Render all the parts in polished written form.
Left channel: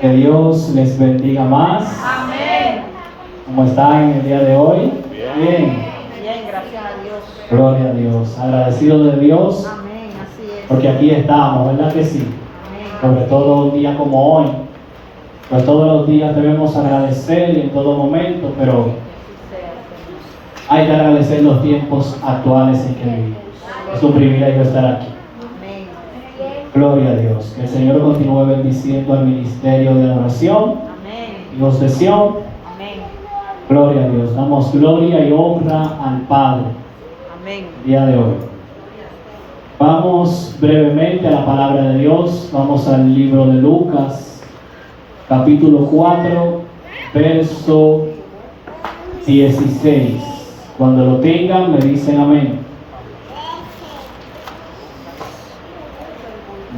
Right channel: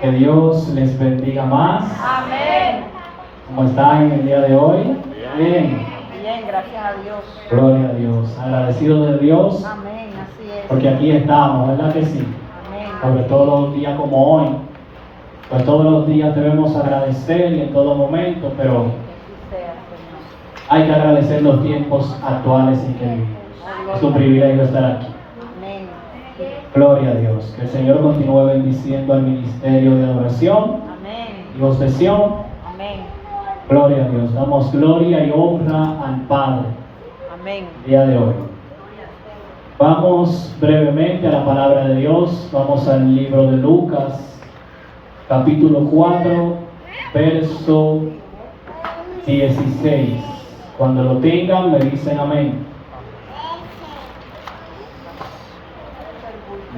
Que Dios les bendiga más. Amén. ¿Cómo están en el día de hoy? Bien. Bien, gracias a Dios. Gloria a Dios. Agradecido de Dios Amén, así es. porque aquí estamos, ¿verdad que sí? Amén. Sobre todo un día como hoy. Pues todos los días debemos agradecer y en todo momento, pero hay que agradecer los tiempos actuales en que vivimos. Es un privilegio estar aquí. Amén. Gloria a Dios. Que el Señor continúe bendiciendo al ministerio de adoración, Amén. Dios de Sión. Amén. Gloria a Dios. Damos gloria y honra al Padre Amén. el día de hoy. Vamos brevemente a la palabra de Dios. Vamos al libro de Lucas, capítulo 4, verso 16. Cuando lo tengan, me dicen amén.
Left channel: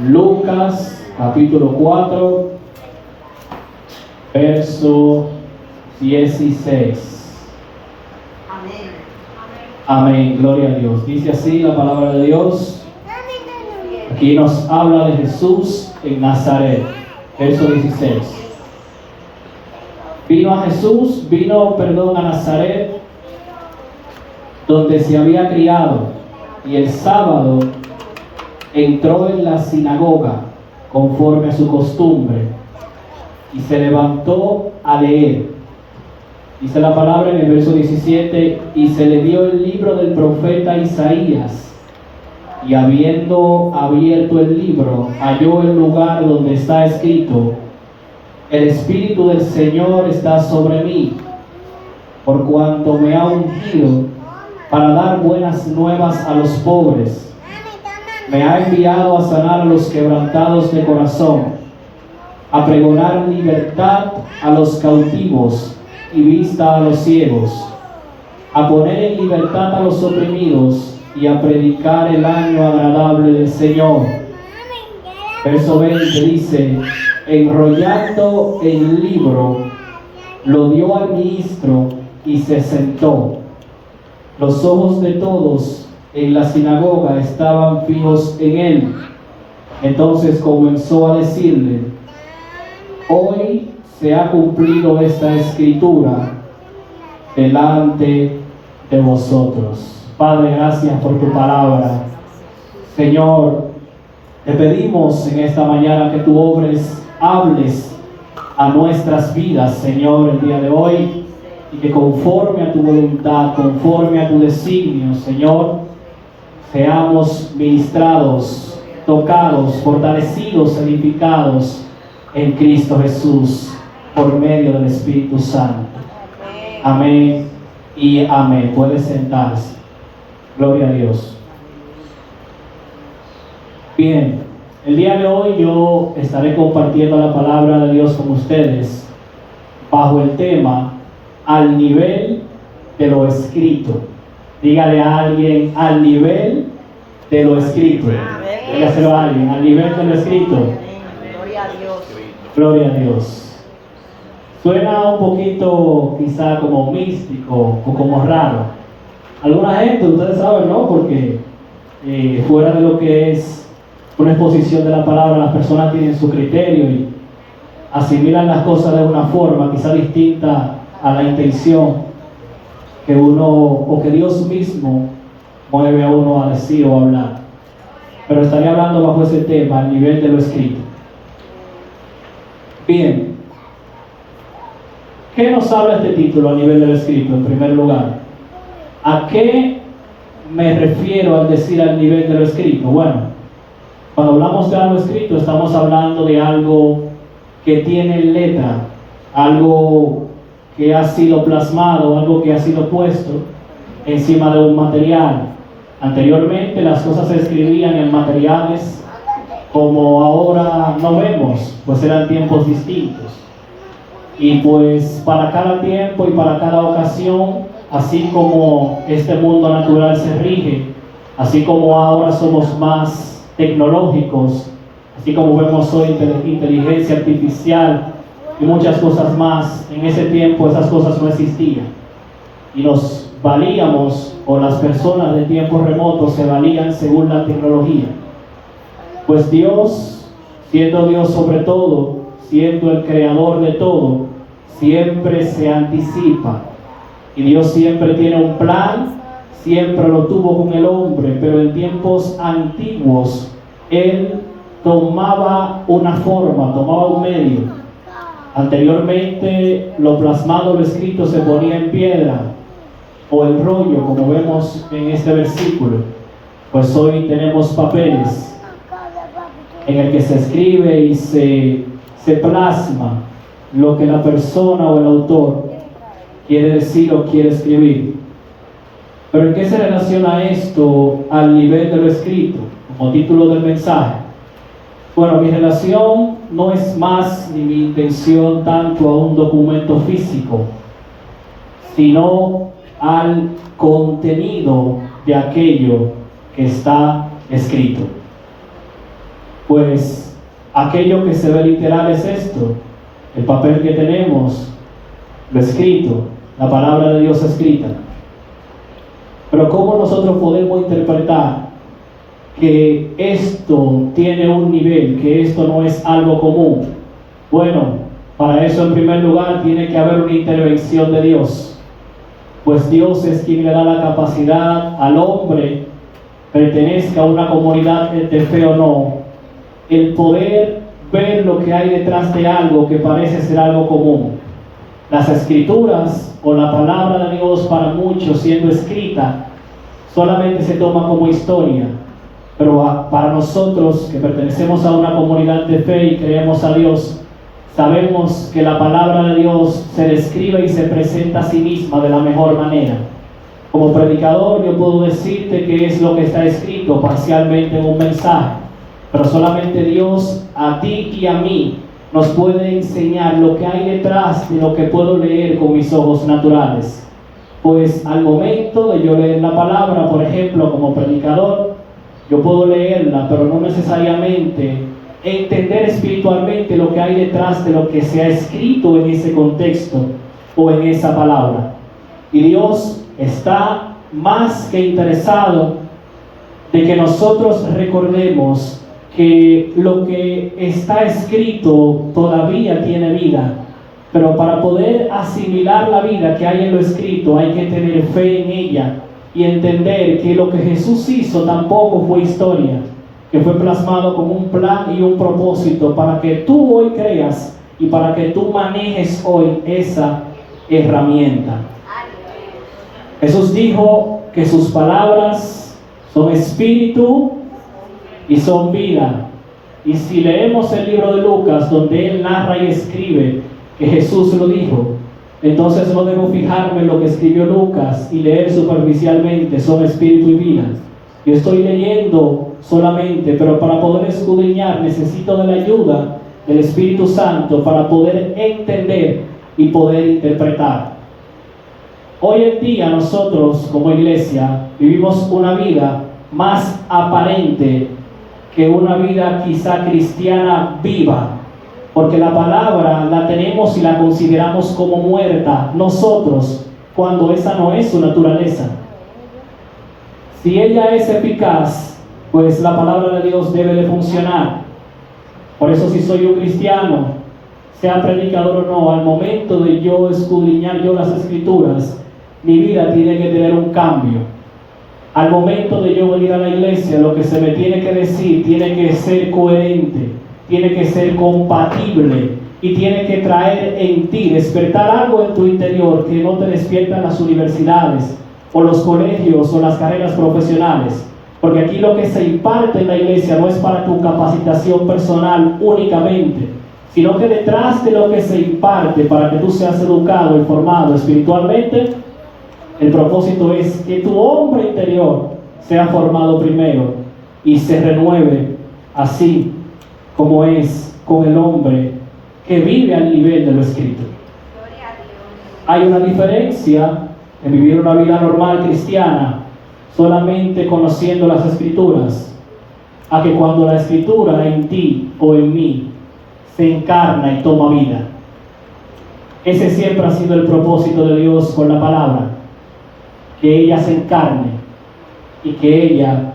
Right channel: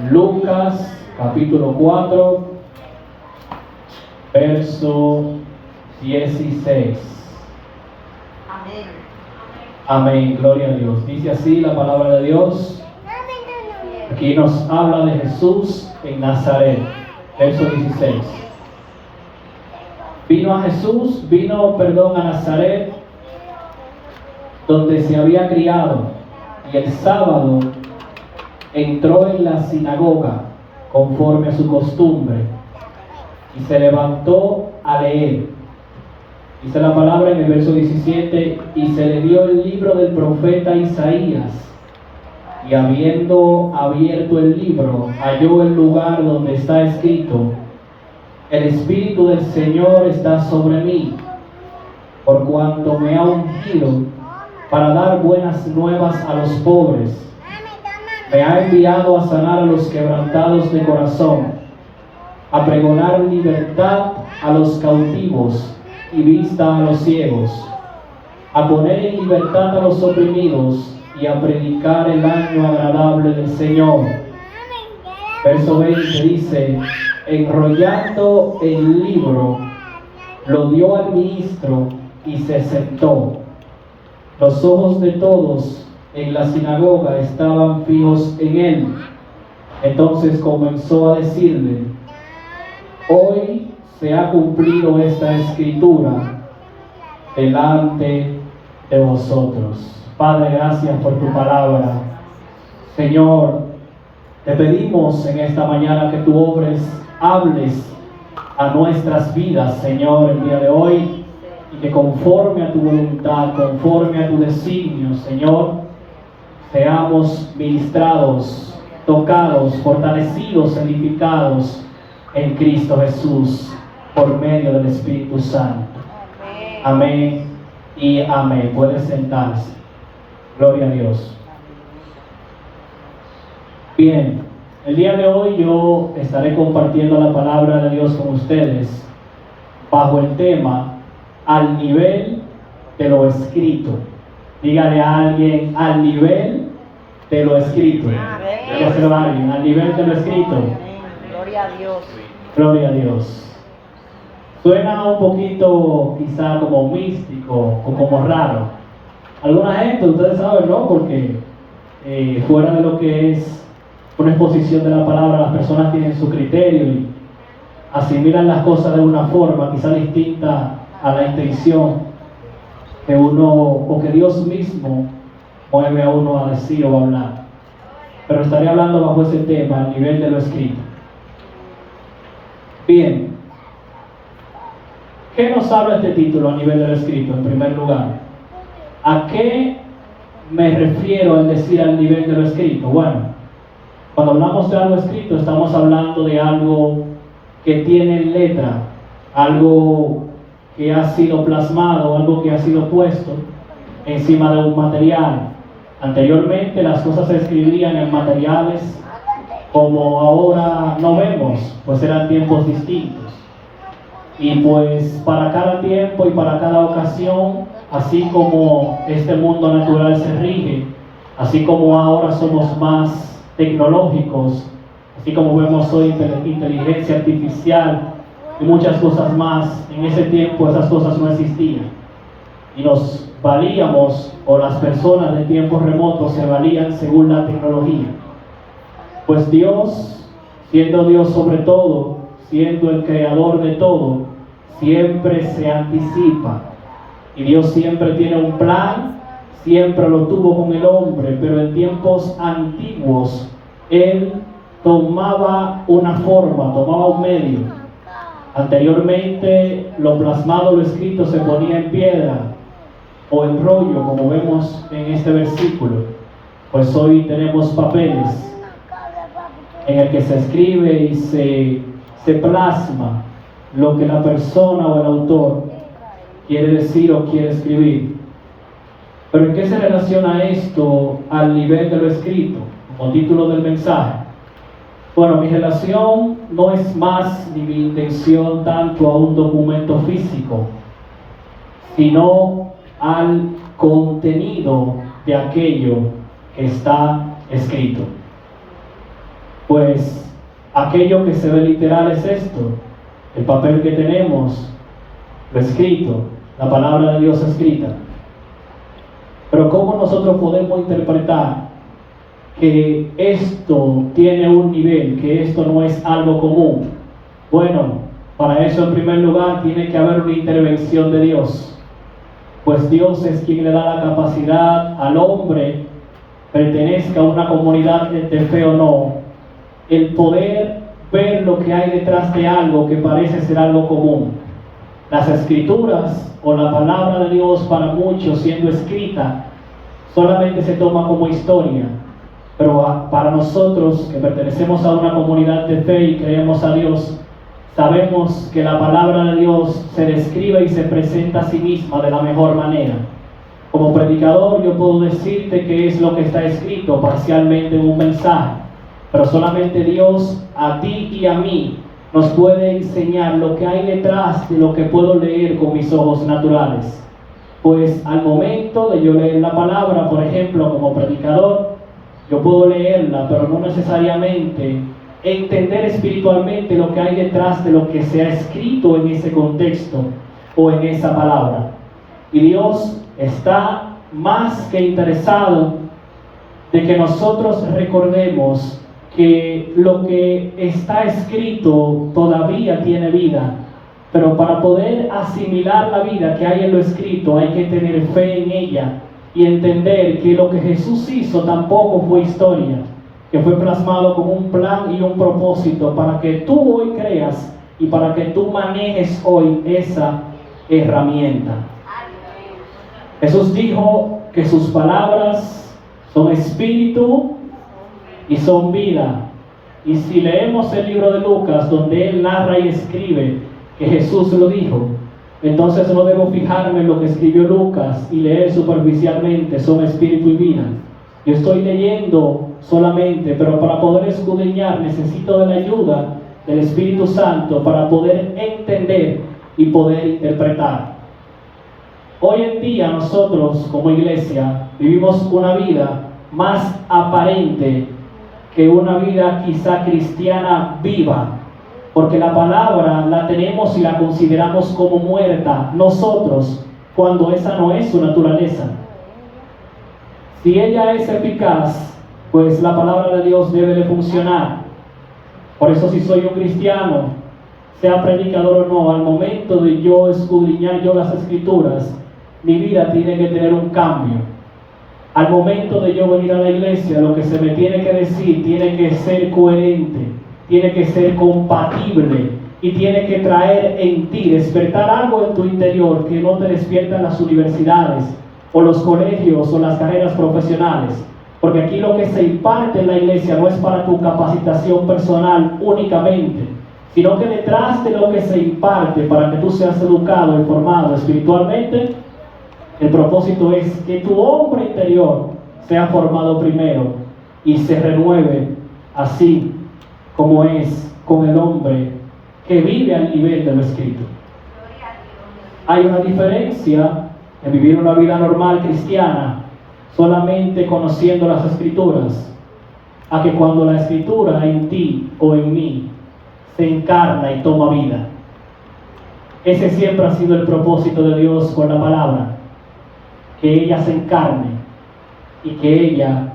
Lucas, capítulo 4, verso 16. Amén. Amén, gloria a Dios. Dice así la palabra de Dios. Aquí nos habla de Jesús en Nazaret. Verso 16. Vino a Nazaret, donde se había criado, y el sábado entró en la sinagoga conforme a su costumbre, y se levantó a leer. Dice la palabra en el verso 17, y se le dio el libro del profeta Isaías, y habiendo abierto el libro, halló el lugar donde está escrito: el Espíritu del Señor está sobre mí, por cuanto me ha ungido para dar buenas nuevas a los pobres. Me ha enviado a sanar a los quebrantados de corazón, a pregonar libertad a los cautivos y vista a los ciegos, a poner en libertad a los oprimidos y a predicar el año agradable del Señor. Verso 20 dice: enrollando el libro, lo dio al ministro y se sentó. Los ojos de todos en la sinagoga estaban fijos en él. Entonces comenzó a decirle: hoy se ha cumplido esta escritura delante de vosotros. Padre, gracias por tu palabra. Señor, te pedimos en esta mañana que tú hables a nuestras vidas, Señor, el día de hoy, y que conforme a tu voluntad, conforme a tu designio, Señor, seamos ministrados, tocados, fortalecidos, edificados en Cristo Jesús por medio del Espíritu Santo. Amén y amén. Puede sentarse. Gloria a Dios. Bien, el día de hoy yo estaré compartiendo la palabra de Dios con ustedes bajo el tema al nivel de lo escrito. Dígale a alguien: al nivel de lo escrito. Dígaselo a alguien: al nivel de lo escrito. Gloria a Dios. Gloria a Dios. Suena un poquito quizá como místico o como raro. Alguna gente, ustedes saben, ¿no? Porque fuera de lo que es una exposición de la palabra, las personas tienen su criterio y asimilan las cosas de una forma quizá distinta a la intención que uno, o que Dios mismo mueve a uno a decir o a hablar. Pero estaré hablando bajo ese tema, al nivel de lo escrito. Bien, ¿qué nos habla este título a nivel de lo escrito? En primer lugar, ¿a qué me refiero al decir al nivel de lo escrito? Bueno, cuando hablamos de algo escrito, estamos hablando de algo que tiene letra, algo que ha sido plasmado, algo que ha sido puesto encima de un material. Anteriormente las cosas se escribían en materiales como ahora no vemos, pues eran tiempos distintos. Y pues para cada tiempo y para cada ocasión, así como este mundo natural se rige, así como ahora somos más tecnológicos, así como vemos hoy inteligencia artificial y muchas cosas más, en ese tiempo esas cosas no existían. Y nos valíamos, o las personas de tiempos remotos se valían según la tecnología. Pues Dios, siendo Dios sobre todo, siendo el creador de todo, siempre se anticipa. Y Dios siempre tiene un plan, siempre lo tuvo con el hombre, pero en tiempos antiguos Él tomaba una forma, tomaba un medio. Anteriormente lo plasmado, lo escrito se ponía en piedra o en rollo, como vemos en este versículo. Pues hoy tenemos papeles en el que se escribe y se plasma lo que la persona o el autor quiere decir o quiere escribir. Pero ¿en qué se relaciona esto al nivel de lo escrito, como título del mensaje? Bueno, mi relación no es más ni mi intención tanto a un documento físico, sino al contenido de aquello que está escrito. Pues aquello que se ve literal es esto, el papel que tenemos, lo escrito, la palabra de Dios escrita. Pero ¿cómo nosotros podemos interpretar que esto tiene un nivel, que esto no es algo común? Bueno, para eso en primer lugar tiene que haber una intervención de Dios, pues Dios es quien le da la capacidad al hombre, pertenezca a una comunidad de fe o no, el poder ver lo que hay detrás de algo que parece ser algo común. Las escrituras o la palabra de Dios para muchos siendo escrita solamente se toma como historia, pero para nosotros que pertenecemos a una comunidad de fe y creemos a Dios, sabemos que la palabra de Dios se describe y se presenta a sí misma de la mejor manera. Como predicador yo puedo decirte que es lo que está escrito parcialmente en un mensaje, pero solamente Dios a ti y a mí nos puede enseñar lo que hay detrás de lo que puedo leer con mis ojos naturales. Pues al momento de yo leer la palabra, por ejemplo, como predicador, yo puedo leerla, pero no necesariamente entender espiritualmente lo que hay detrás de lo que se ha escrito en ese contexto o en esa palabra. Y Dios está más que interesado de que nosotros recordemos que lo que está escrito todavía tiene vida, pero para poder asimilar la vida que hay en lo escrito hay que tener fe en ella y entender que lo que Jesús hizo tampoco fue historia, que fue plasmado con un plan y un propósito para que tú hoy creas y para que tú manejes hoy esa herramienta. Jesús dijo que sus palabras son espíritu y son vida. Y si leemos el libro de Lucas, donde él narra y escribe que Jesús lo dijo, entonces no debo fijarme en lo que escribió Lucas y leer superficialmente, son espíritu y vida. Yo estoy leyendo solamente, pero para poder escudriñar necesito de la ayuda del Espíritu Santo para poder entender y poder interpretar. Hoy en día nosotros como iglesia vivimos una vida más aparente que una vida quizá cristiana viva, porque la palabra la tenemos y la consideramos como muerta nosotros, cuando esa no es su naturaleza. Si ella es eficaz, pues la palabra de Dios debe de funcionar. Por eso si soy un cristiano, sea predicador o no, al momento de yo escudriñar yo las escrituras, mi vida tiene que tener un cambio. Al momento de yo venir a la iglesia, lo que se me tiene que decir tiene que ser coherente, tiene que ser compatible y tiene que traer en ti, despertar algo en tu interior que no te despierta en las universidades o los colegios o las carreras profesionales. Porque aquí lo que se imparte en la iglesia no es para tu capacitación personal únicamente, sino que detrás de lo que se imparte para que tú seas educado y formado espiritualmente, el propósito es que tu hombre interior sea formado primero y se renueve así como es con el hombre que vive al nivel de lo escrito. Hay una diferencia de vivir una vida normal cristiana solamente conociendo las escrituras, a que cuando la escritura en ti o en mí se encarna y toma vida. Ese siempre ha sido el propósito de Dios con la palabra, que ella se encarne y que ella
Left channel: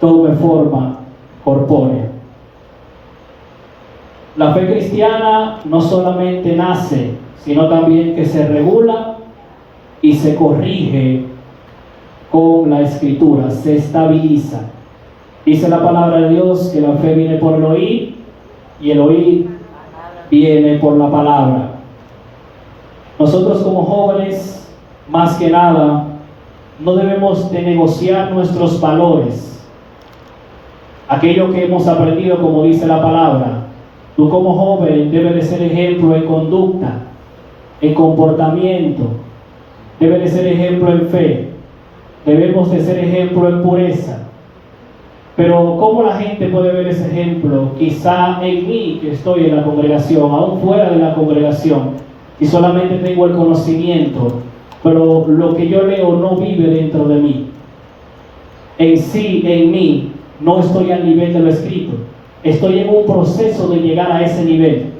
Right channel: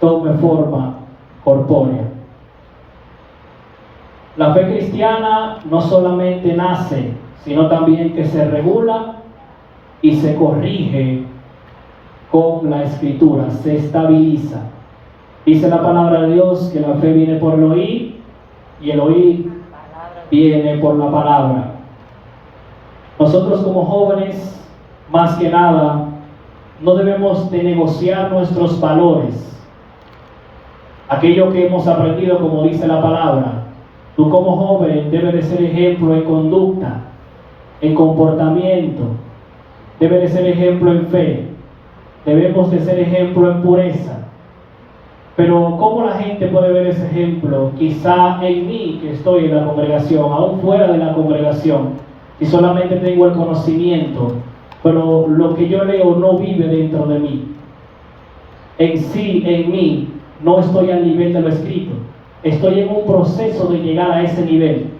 tome forma corpórea. La fe cristiana no solamente nace, sino también que se regula y se corrige con la Escritura, se estabiliza. Dice la palabra de Dios que la fe viene por el oír y el oír viene por la palabra. Nosotros como jóvenes, más que nada, no debemos de negociar nuestros valores. Aquello que hemos aprendido, como dice la palabra, tú como joven debes de ser ejemplo en conducta, en comportamiento, debes de ser ejemplo en fe, debemos de ser ejemplo en pureza. Pero ¿cómo la gente puede ver ese ejemplo? Quizá en mí, que estoy en la congregación, aún fuera de la congregación, y solamente tengo el conocimiento, pero lo que yo leo no vive dentro de mí. En sí, en mí, no estoy al nivel de lo escrito. Estoy en un proceso de llegar a ese nivel.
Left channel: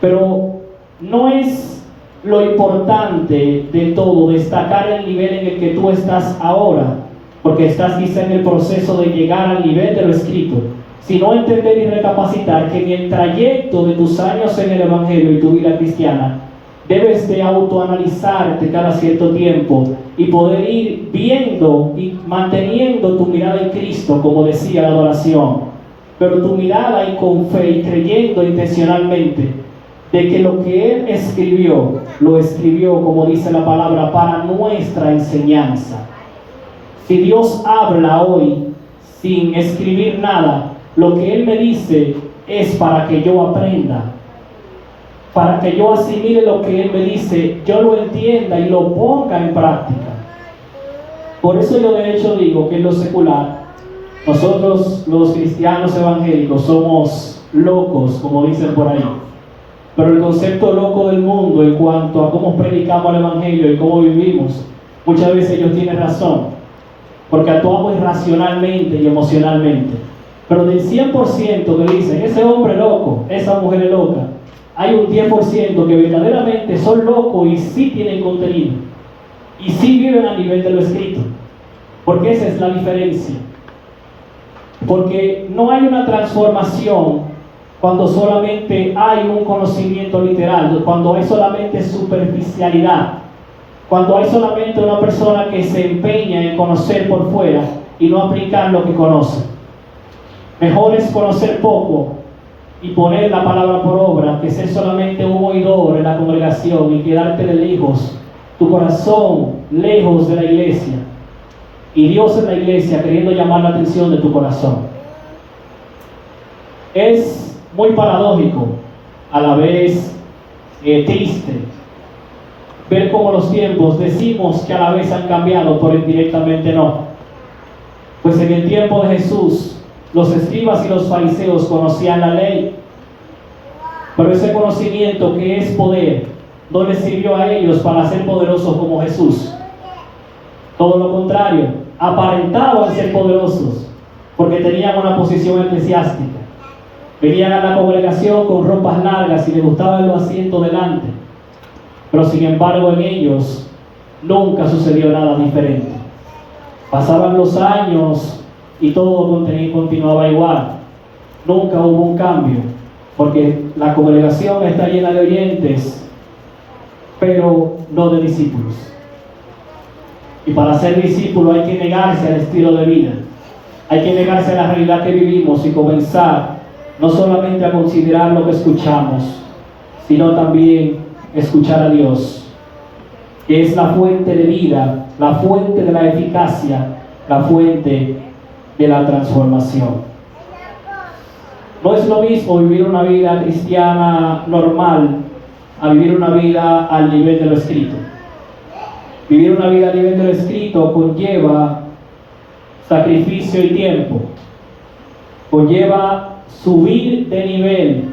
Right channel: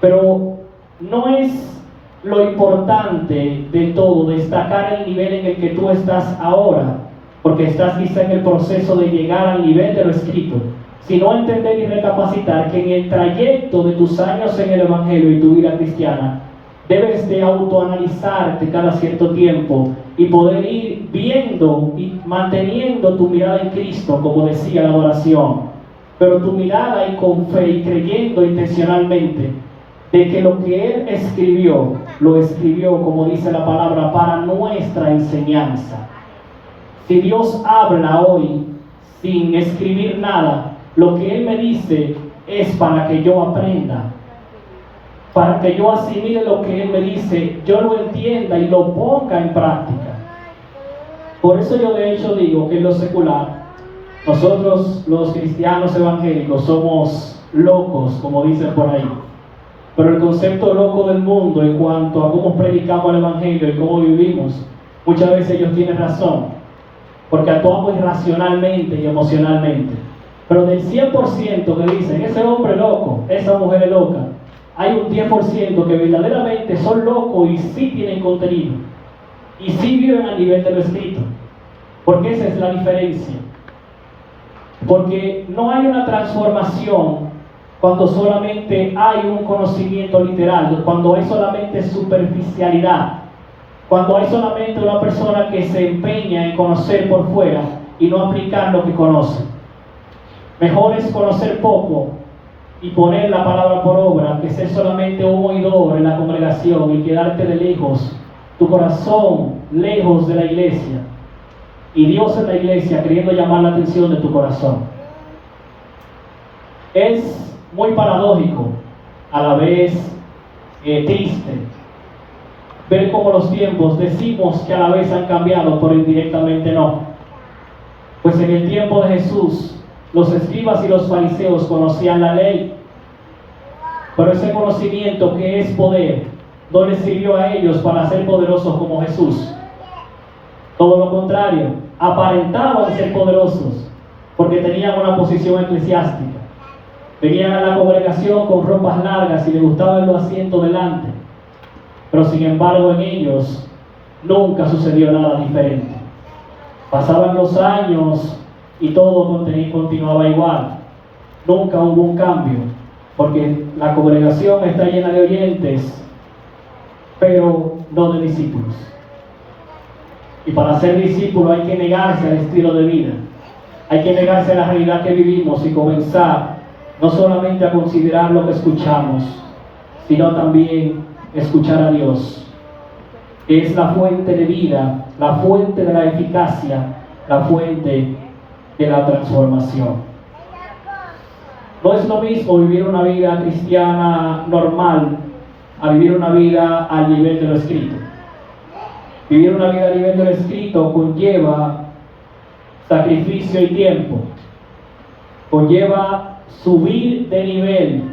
Pero no es lo importante de todo destacar el nivel en el que tú estás ahora, porque estás quizá en el proceso de llegar al nivel de lo escrito, sino entender y recapacitar que en el trayecto de tus años en el Evangelio y tu vida cristiana, debes de autoanalizarte cada cierto tiempo y poder ir viendo y manteniendo tu mirada en Cristo, como decía la adoración, pero tu mirada y con fe y creyendo intencionalmente de que lo que Él escribió, lo escribió, como dice la palabra, para nuestra enseñanza. Si Dios habla hoy sin escribir nada, lo que Él me dice es para que yo aprenda, para que yo asimile lo que Él me dice, yo lo entienda y lo ponga en práctica. Por eso yo de hecho digo que en lo secular, nosotros los cristianos evangélicos somos locos, como dicen por ahí. Pero el concepto loco del mundo en cuanto a cómo predicamos el Evangelio y cómo vivimos, muchas veces ellos tienen razón, porque actuamos irracionalmente y emocionalmente. Pero del 100% que dicen, ese hombre es loco, esa mujer es loca, hay un 10% que verdaderamente son locos y sí tienen contenido, y sí viven a nivel de lo escrito, porque esa es la diferencia. Porque no hay una transformación cuando solamente hay un conocimiento literal, cuando hay solamente superficialidad, cuando hay solamente una persona que se empeña en conocer por fuera y no aplicar lo que conoce. Mejor es conocer poco y poner la palabra por obra que ser solamente un oidor en la congregación y quedarte de lejos, tu corazón lejos de la iglesia y Dios en la iglesia queriendo llamar la atención de tu corazón. Es muy paradójico, a la vez triste, ver cómo los tiempos decimos que a la vez han cambiado, pero indirectamente no. Pues en el tiempo de Jesús, los escribas y los fariseos conocían la ley, pero ese conocimiento que es poder no les sirvió a ellos para ser poderosos como Jesús. Todo lo contrario, aparentaban ser poderosos porque tenían una posición eclesiástica. Venían a la congregación con ropas largas y les gustaba el asiento delante. Pero sin embargo en ellos nunca sucedió nada diferente. Pasaban los años y todo continuaba igual. Nunca hubo un cambio, porque la congregación está llena de oyentes, pero no de discípulos. Y para ser discípulo hay que negarse al estilo de vida. Hay que negarse a la realidad que vivimos y comenzar no solamente a considerar lo que escuchamos, sino también escuchar a Dios, que es la fuente de vida, la fuente de la eficacia, la fuente de la transformación. No es lo mismo vivir una vida cristiana normal a vivir una vida al nivel de lo escrito. Vivir una vida al nivel de lo escrito conlleva sacrificio y tiempo, conlleva subir de nivel,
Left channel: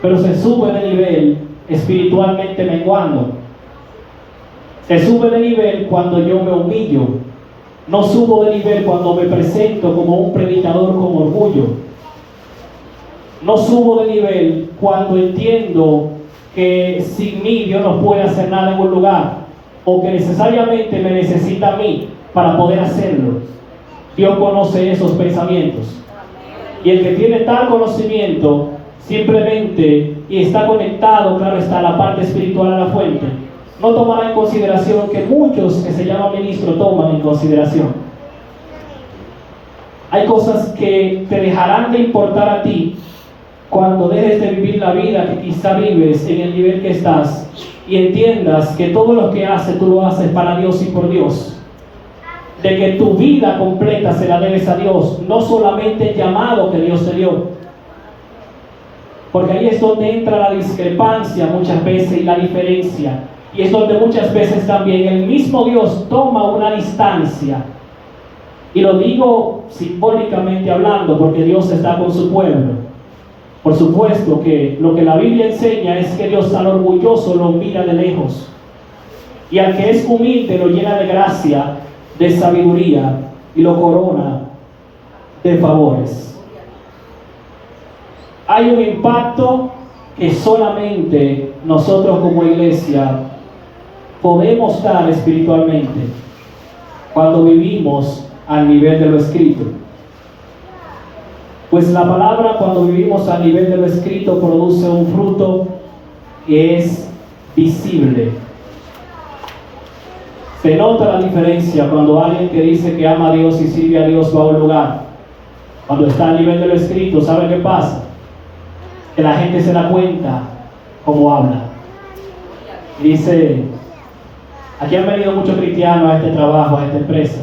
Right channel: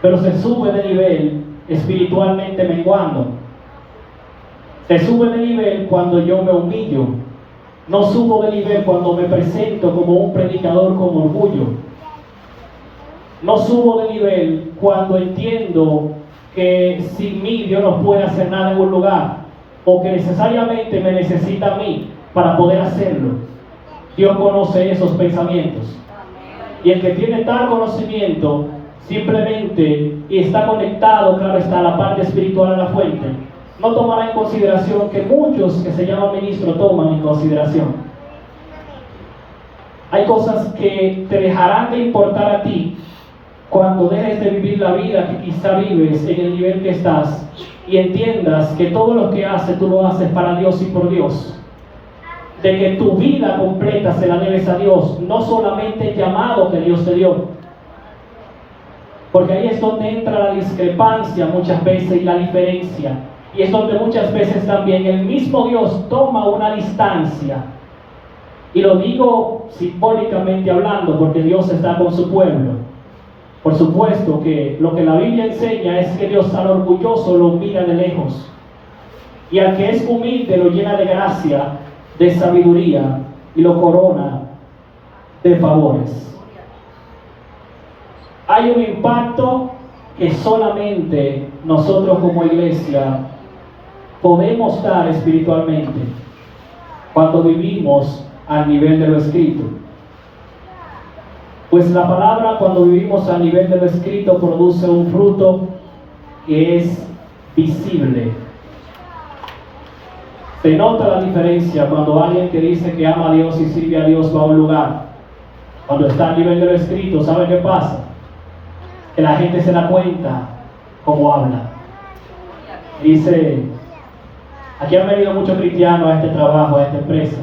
pero se sube de nivel espiritualmente menguando. Se sube de nivel cuando yo me humillo. No subo de nivel cuando me presento como un predicador con orgullo. No subo de nivel cuando entiendo que sin mí Dios no puede hacer nada en un lugar, o que necesariamente me necesita a mí para poder hacerlo. Dios conoce esos pensamientos. Y el que tiene tal conocimiento simplemente y está conectado, claro está, a la parte espiritual a la fuente, no tomará en consideración que muchos que se llaman ministros toman en consideración. Hay cosas que te dejarán de importar a ti cuando dejes de vivir la vida que quizá vives en el nivel que estás y entiendas que todo lo que haces tú lo haces para Dios y por Dios. De que tu vida completa se la debes a Dios, no solamente el llamado que Dios te dio. Porque ahí es donde entra la discrepancia muchas veces y la diferencia. Y es donde muchas veces también el mismo Dios toma una distancia. Y lo digo simbólicamente hablando porque Dios está con su pueblo. Por supuesto que lo que la Biblia enseña es que Dios al orgulloso lo mira de lejos. Y al que es humilde lo llena de gracia, de sabiduría y lo corona de favores. Hay un impacto que solamente nosotros como iglesia podemos dar espiritualmente cuando vivimos al nivel de lo escrito. Pues la palabra, cuando vivimos al nivel de lo escrito, produce un fruto que es visible. Se nota la diferencia cuando alguien que dice que ama a Dios y sirve a Dios va a un lugar. Cuando está a nivel de lo escrito, ¿sabe qué pasa? Que la gente se da cuenta cómo habla. Y dice, aquí han venido muchos cristianos a este trabajo, a esta empresa.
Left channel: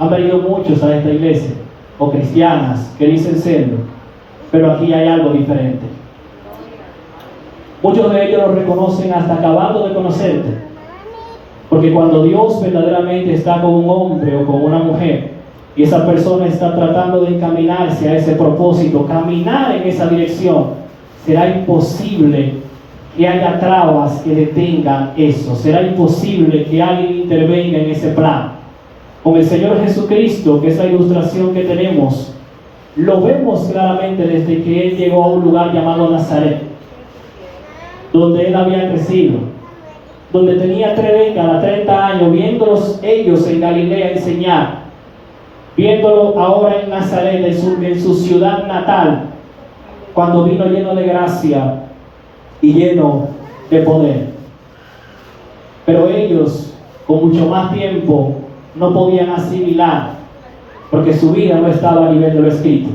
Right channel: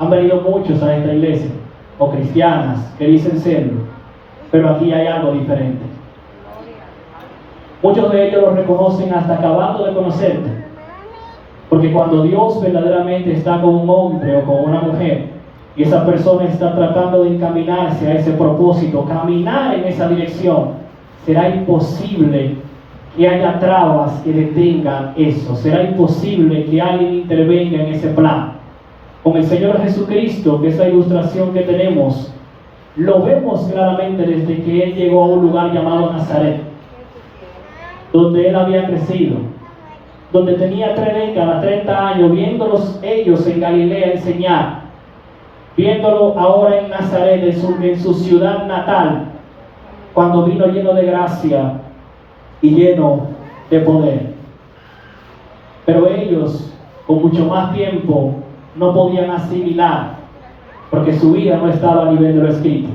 Han venido muchos a esta iglesia, o cristianas que dicen serlo, pero aquí hay algo diferente. Muchos de ellos lo reconocen hasta acabando de conocerte. Porque cuando Dios verdaderamente está con un hombre o con una mujer y esa persona está tratando de encaminarse a ese propósito, caminar en esa dirección, será imposible que haya trabas que detengan eso. Será imposible que alguien intervenga en ese plan. Con el Señor Jesucristo, que esa ilustración que tenemos, lo vemos claramente desde que Él llegó a un lugar llamado Nazaret, donde Él había crecido, donde tenía 3 décadas, 30 años, viéndolos ellos en Galilea enseñar, viéndolo ahora en Nazaret, en su ciudad natal, cuando vino lleno de gracia y lleno de poder. Pero ellos, con mucho más tiempo, no podían asimilar, porque su vida no estaba a nivel de lo escrito.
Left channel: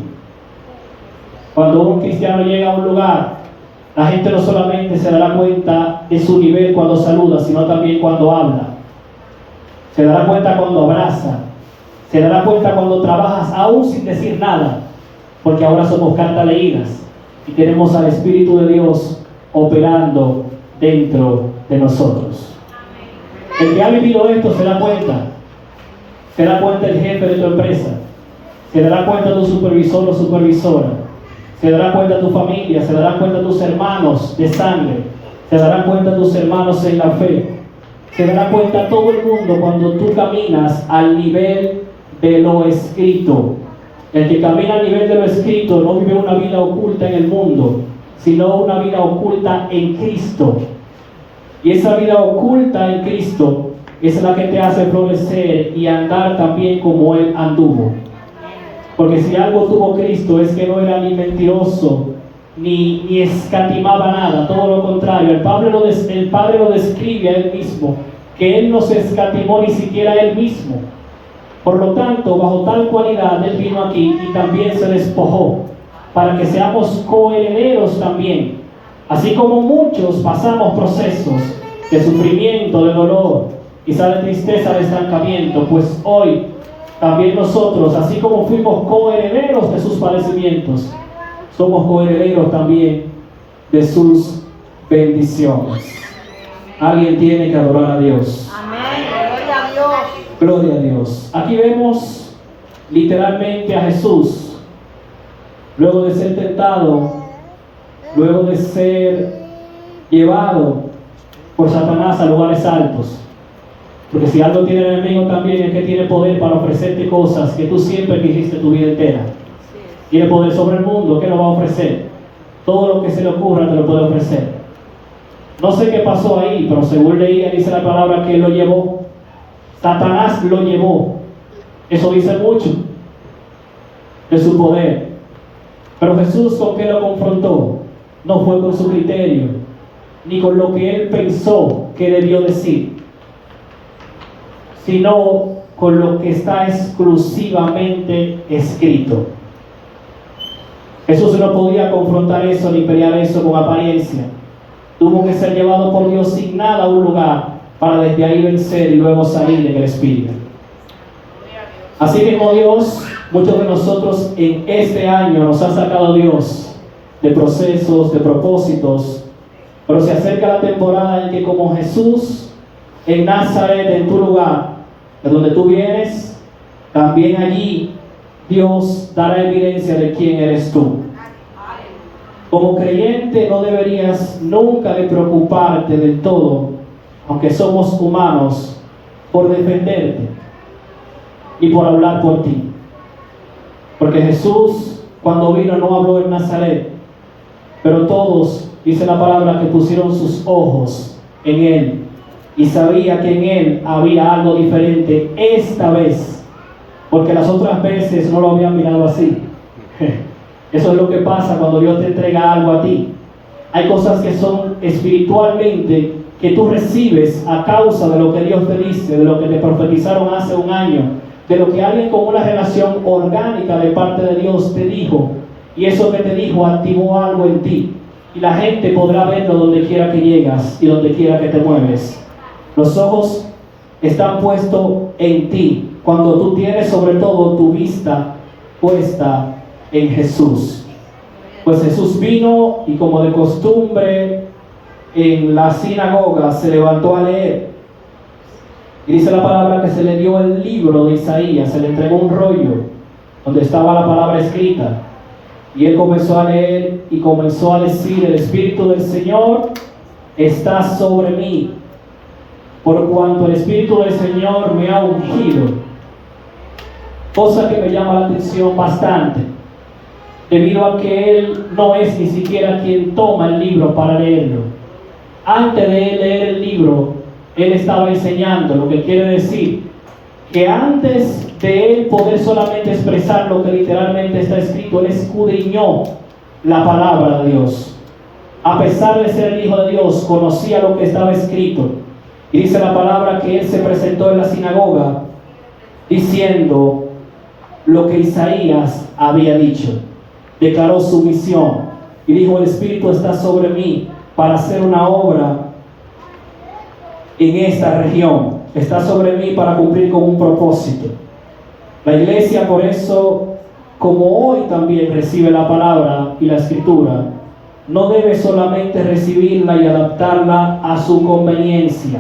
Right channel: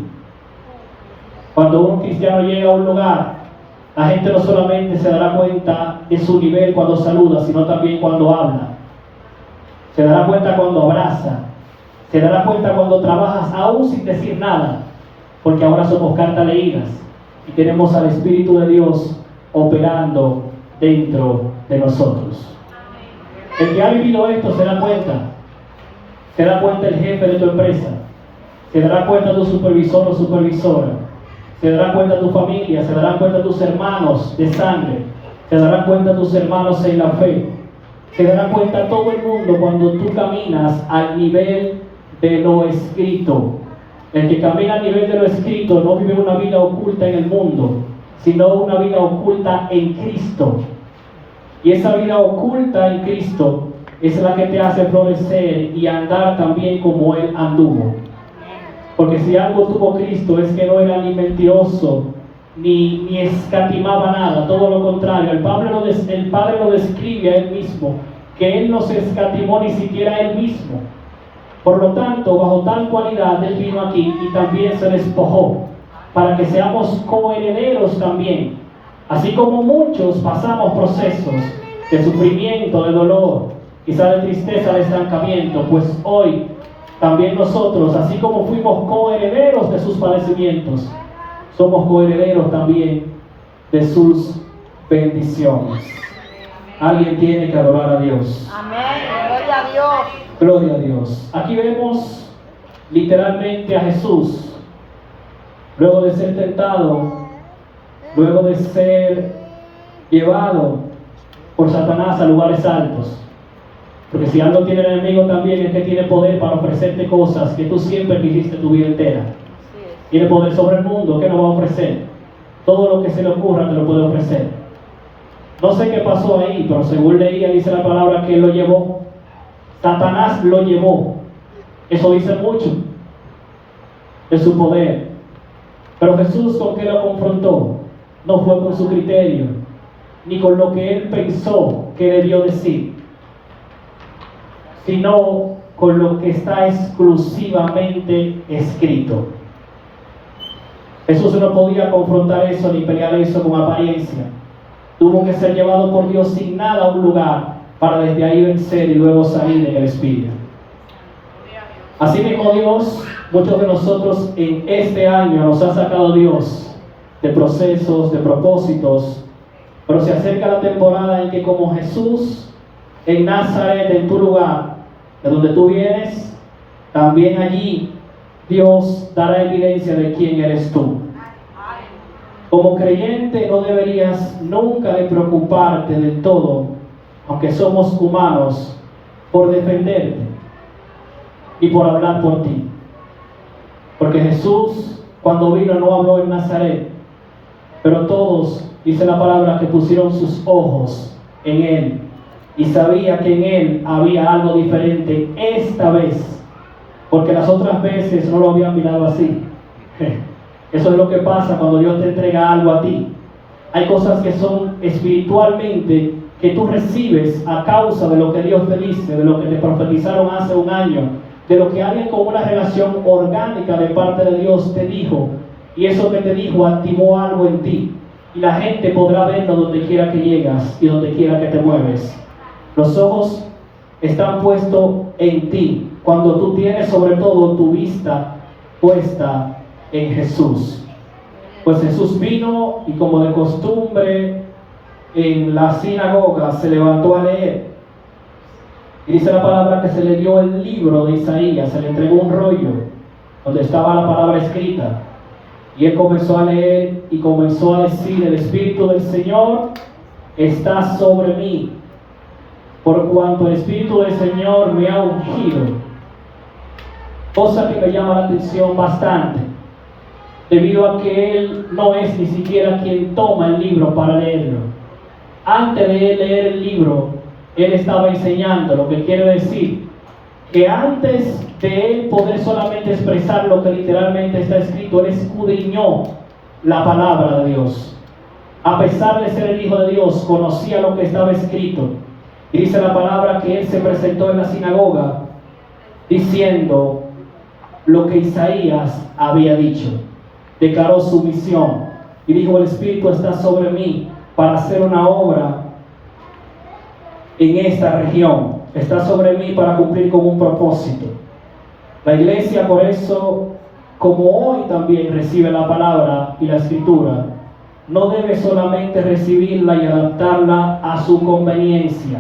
Cuando un cristiano llega a un lugar, la gente no solamente se dará cuenta de su nivel cuando saluda, sino también cuando habla. Se dará cuenta cuando abraza. Se dará cuenta cuando trabajas aún sin decir nada, porque ahora somos carta leídas y tenemos al Espíritu de Dios operando dentro de nosotros. El que ha vivido esto se da cuenta. Se da cuenta el jefe de tu empresa. Se dará cuenta tu supervisor o supervisora. Se dará cuenta tu familia, se dará cuenta tus hermanos de sangre, se dará cuenta tus hermanos en la fe, se dará cuenta todo el mundo cuando tú caminas al nivel de lo escrito. El que camina al nivel de lo escrito no vive una vida oculta en el mundo, sino una vida oculta en Cristo. Y esa vida oculta en Cristo es la que te hace florecer y andar también como Él anduvo. Porque si algo tuvo Cristo es que no era ni mentiroso, ni escatimaba nada, todo lo contrario. El Padre lo describe a Él mismo, que Él no se escatimó ni siquiera a Él mismo. Por lo tanto, bajo tal cualidad Él vino aquí y también se despojó, para que seamos coherederos también. Así como muchos pasamos procesos de sufrimiento, de dolor, quizá de tristeza, de estancamiento, pues hoy también nosotros, así como fuimos coherederos de sus padecimientos, somos coherederos también de sus bendiciones. Alguien tiene que adorar a Dios. Amén. Gloria a Dios. Aquí vemos literalmente a Jesús, luego de ser tentado, luego de ser llevado por Satanás a lugares altos. Porque si algo tiene el enemigo también es que tiene poder para ofrecerte cosas que tú siempre quisiste tu vida entera. Tiene poder sobre el mundo, ¿qué nos va a ofrecer? Todo lo que se le ocurra te lo puede ofrecer. No sé qué pasó ahí, pero según leía, dice la palabra que él lo llevó. Satanás lo llevó. Eso dice mucho de su poder. Pero Jesús, ¿con qué lo confrontó? No fue con su criterio, ni con lo que él pensó que debió decir, sino con lo que está exclusivamente escrito. Jesús no podía confrontar eso ni pelear eso con apariencia. Tuvo que ser llevado por Dios sin nada a un lugar para desde ahí vencer y luego salir en el Espíritu. Así mismo Dios, muchos de nosotros en este año nos ha sacado Dios de procesos, de propósitos, pero se acerca la temporada en que como Jesús en Nazaret, en tu lugar, de donde tú vienes, también allí Dios dará evidencia de quién eres tú. Como creyente no deberías nunca de preocuparte del todo, aunque somos humanos, por defenderte y por hablar por ti. Porque Jesús, cuando vino, no habló en Nazaret, pero todos, dice la palabra, que pusieron sus ojos en Él y sabía que en Él había algo diferente esta vez, porque las otras veces no lo habían mirado así. Eso es lo que pasa cuando Dios te entrega algo a ti. Hay cosas que son espiritualmente que tú recibes a causa de lo que Dios te dice, de lo que te profetizaron hace un año, de lo que alguien con una relación orgánica de parte de Dios te dijo, y eso que te dijo activó algo en ti, y la gente podrá verlo donde quiera que llegas y donde quiera que te mueves. Los ojos están puestos en ti cuando tú tienes sobre todo tu vista puesta en Jesús. Pues Jesús vino y como de costumbre en la sinagoga se levantó a leer. Y dice la palabra que se le dio el libro de Isaías, se le entregó un rollo donde estaba la palabra escrita. Y él comenzó a leer y comenzó a decir: el Espíritu del Señor está sobre mí, por cuanto el Espíritu del Señor me ha ungido. Cosa que me llama la atención bastante, debido a que él no es ni siquiera quien toma el libro para leerlo. Antes de él leer el libro, él estaba enseñando, lo que quiere decir que antes de él poder solamente expresar lo que literalmente está escrito, él escudriñó la palabra de Dios. A pesar de ser el Hijo de Dios, conocía lo que estaba escrito. Y dice la palabra que él se presentó en la sinagoga diciendo lo que Isaías había dicho. Declaró su misión y dijo: el Espíritu está sobre mí para hacer una obra en esta región, está sobre mí para cumplir con un propósito. La iglesia, por eso, como hoy también recibe la palabra y la escritura, no debe solamente recibirla y adaptarla a su conveniencia,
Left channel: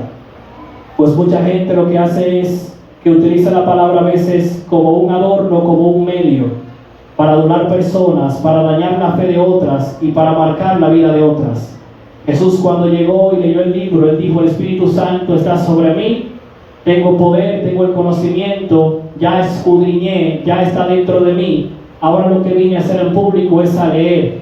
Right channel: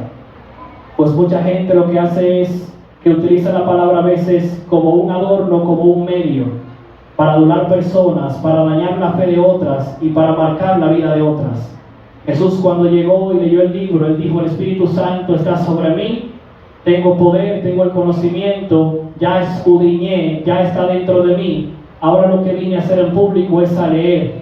pues mucha gente lo que hace es que utiliza la palabra a veces como un adorno, como un medio para adular personas, para dañar la fe de otras y para marcar la vida de otras. Jesús, cuando llegó y leyó el libro, él dijo: el Espíritu Santo está sobre mí, tengo poder, tengo el conocimiento, ya escudriñé, ya está dentro de mí. Ahora lo que vine a hacer en público es a leer.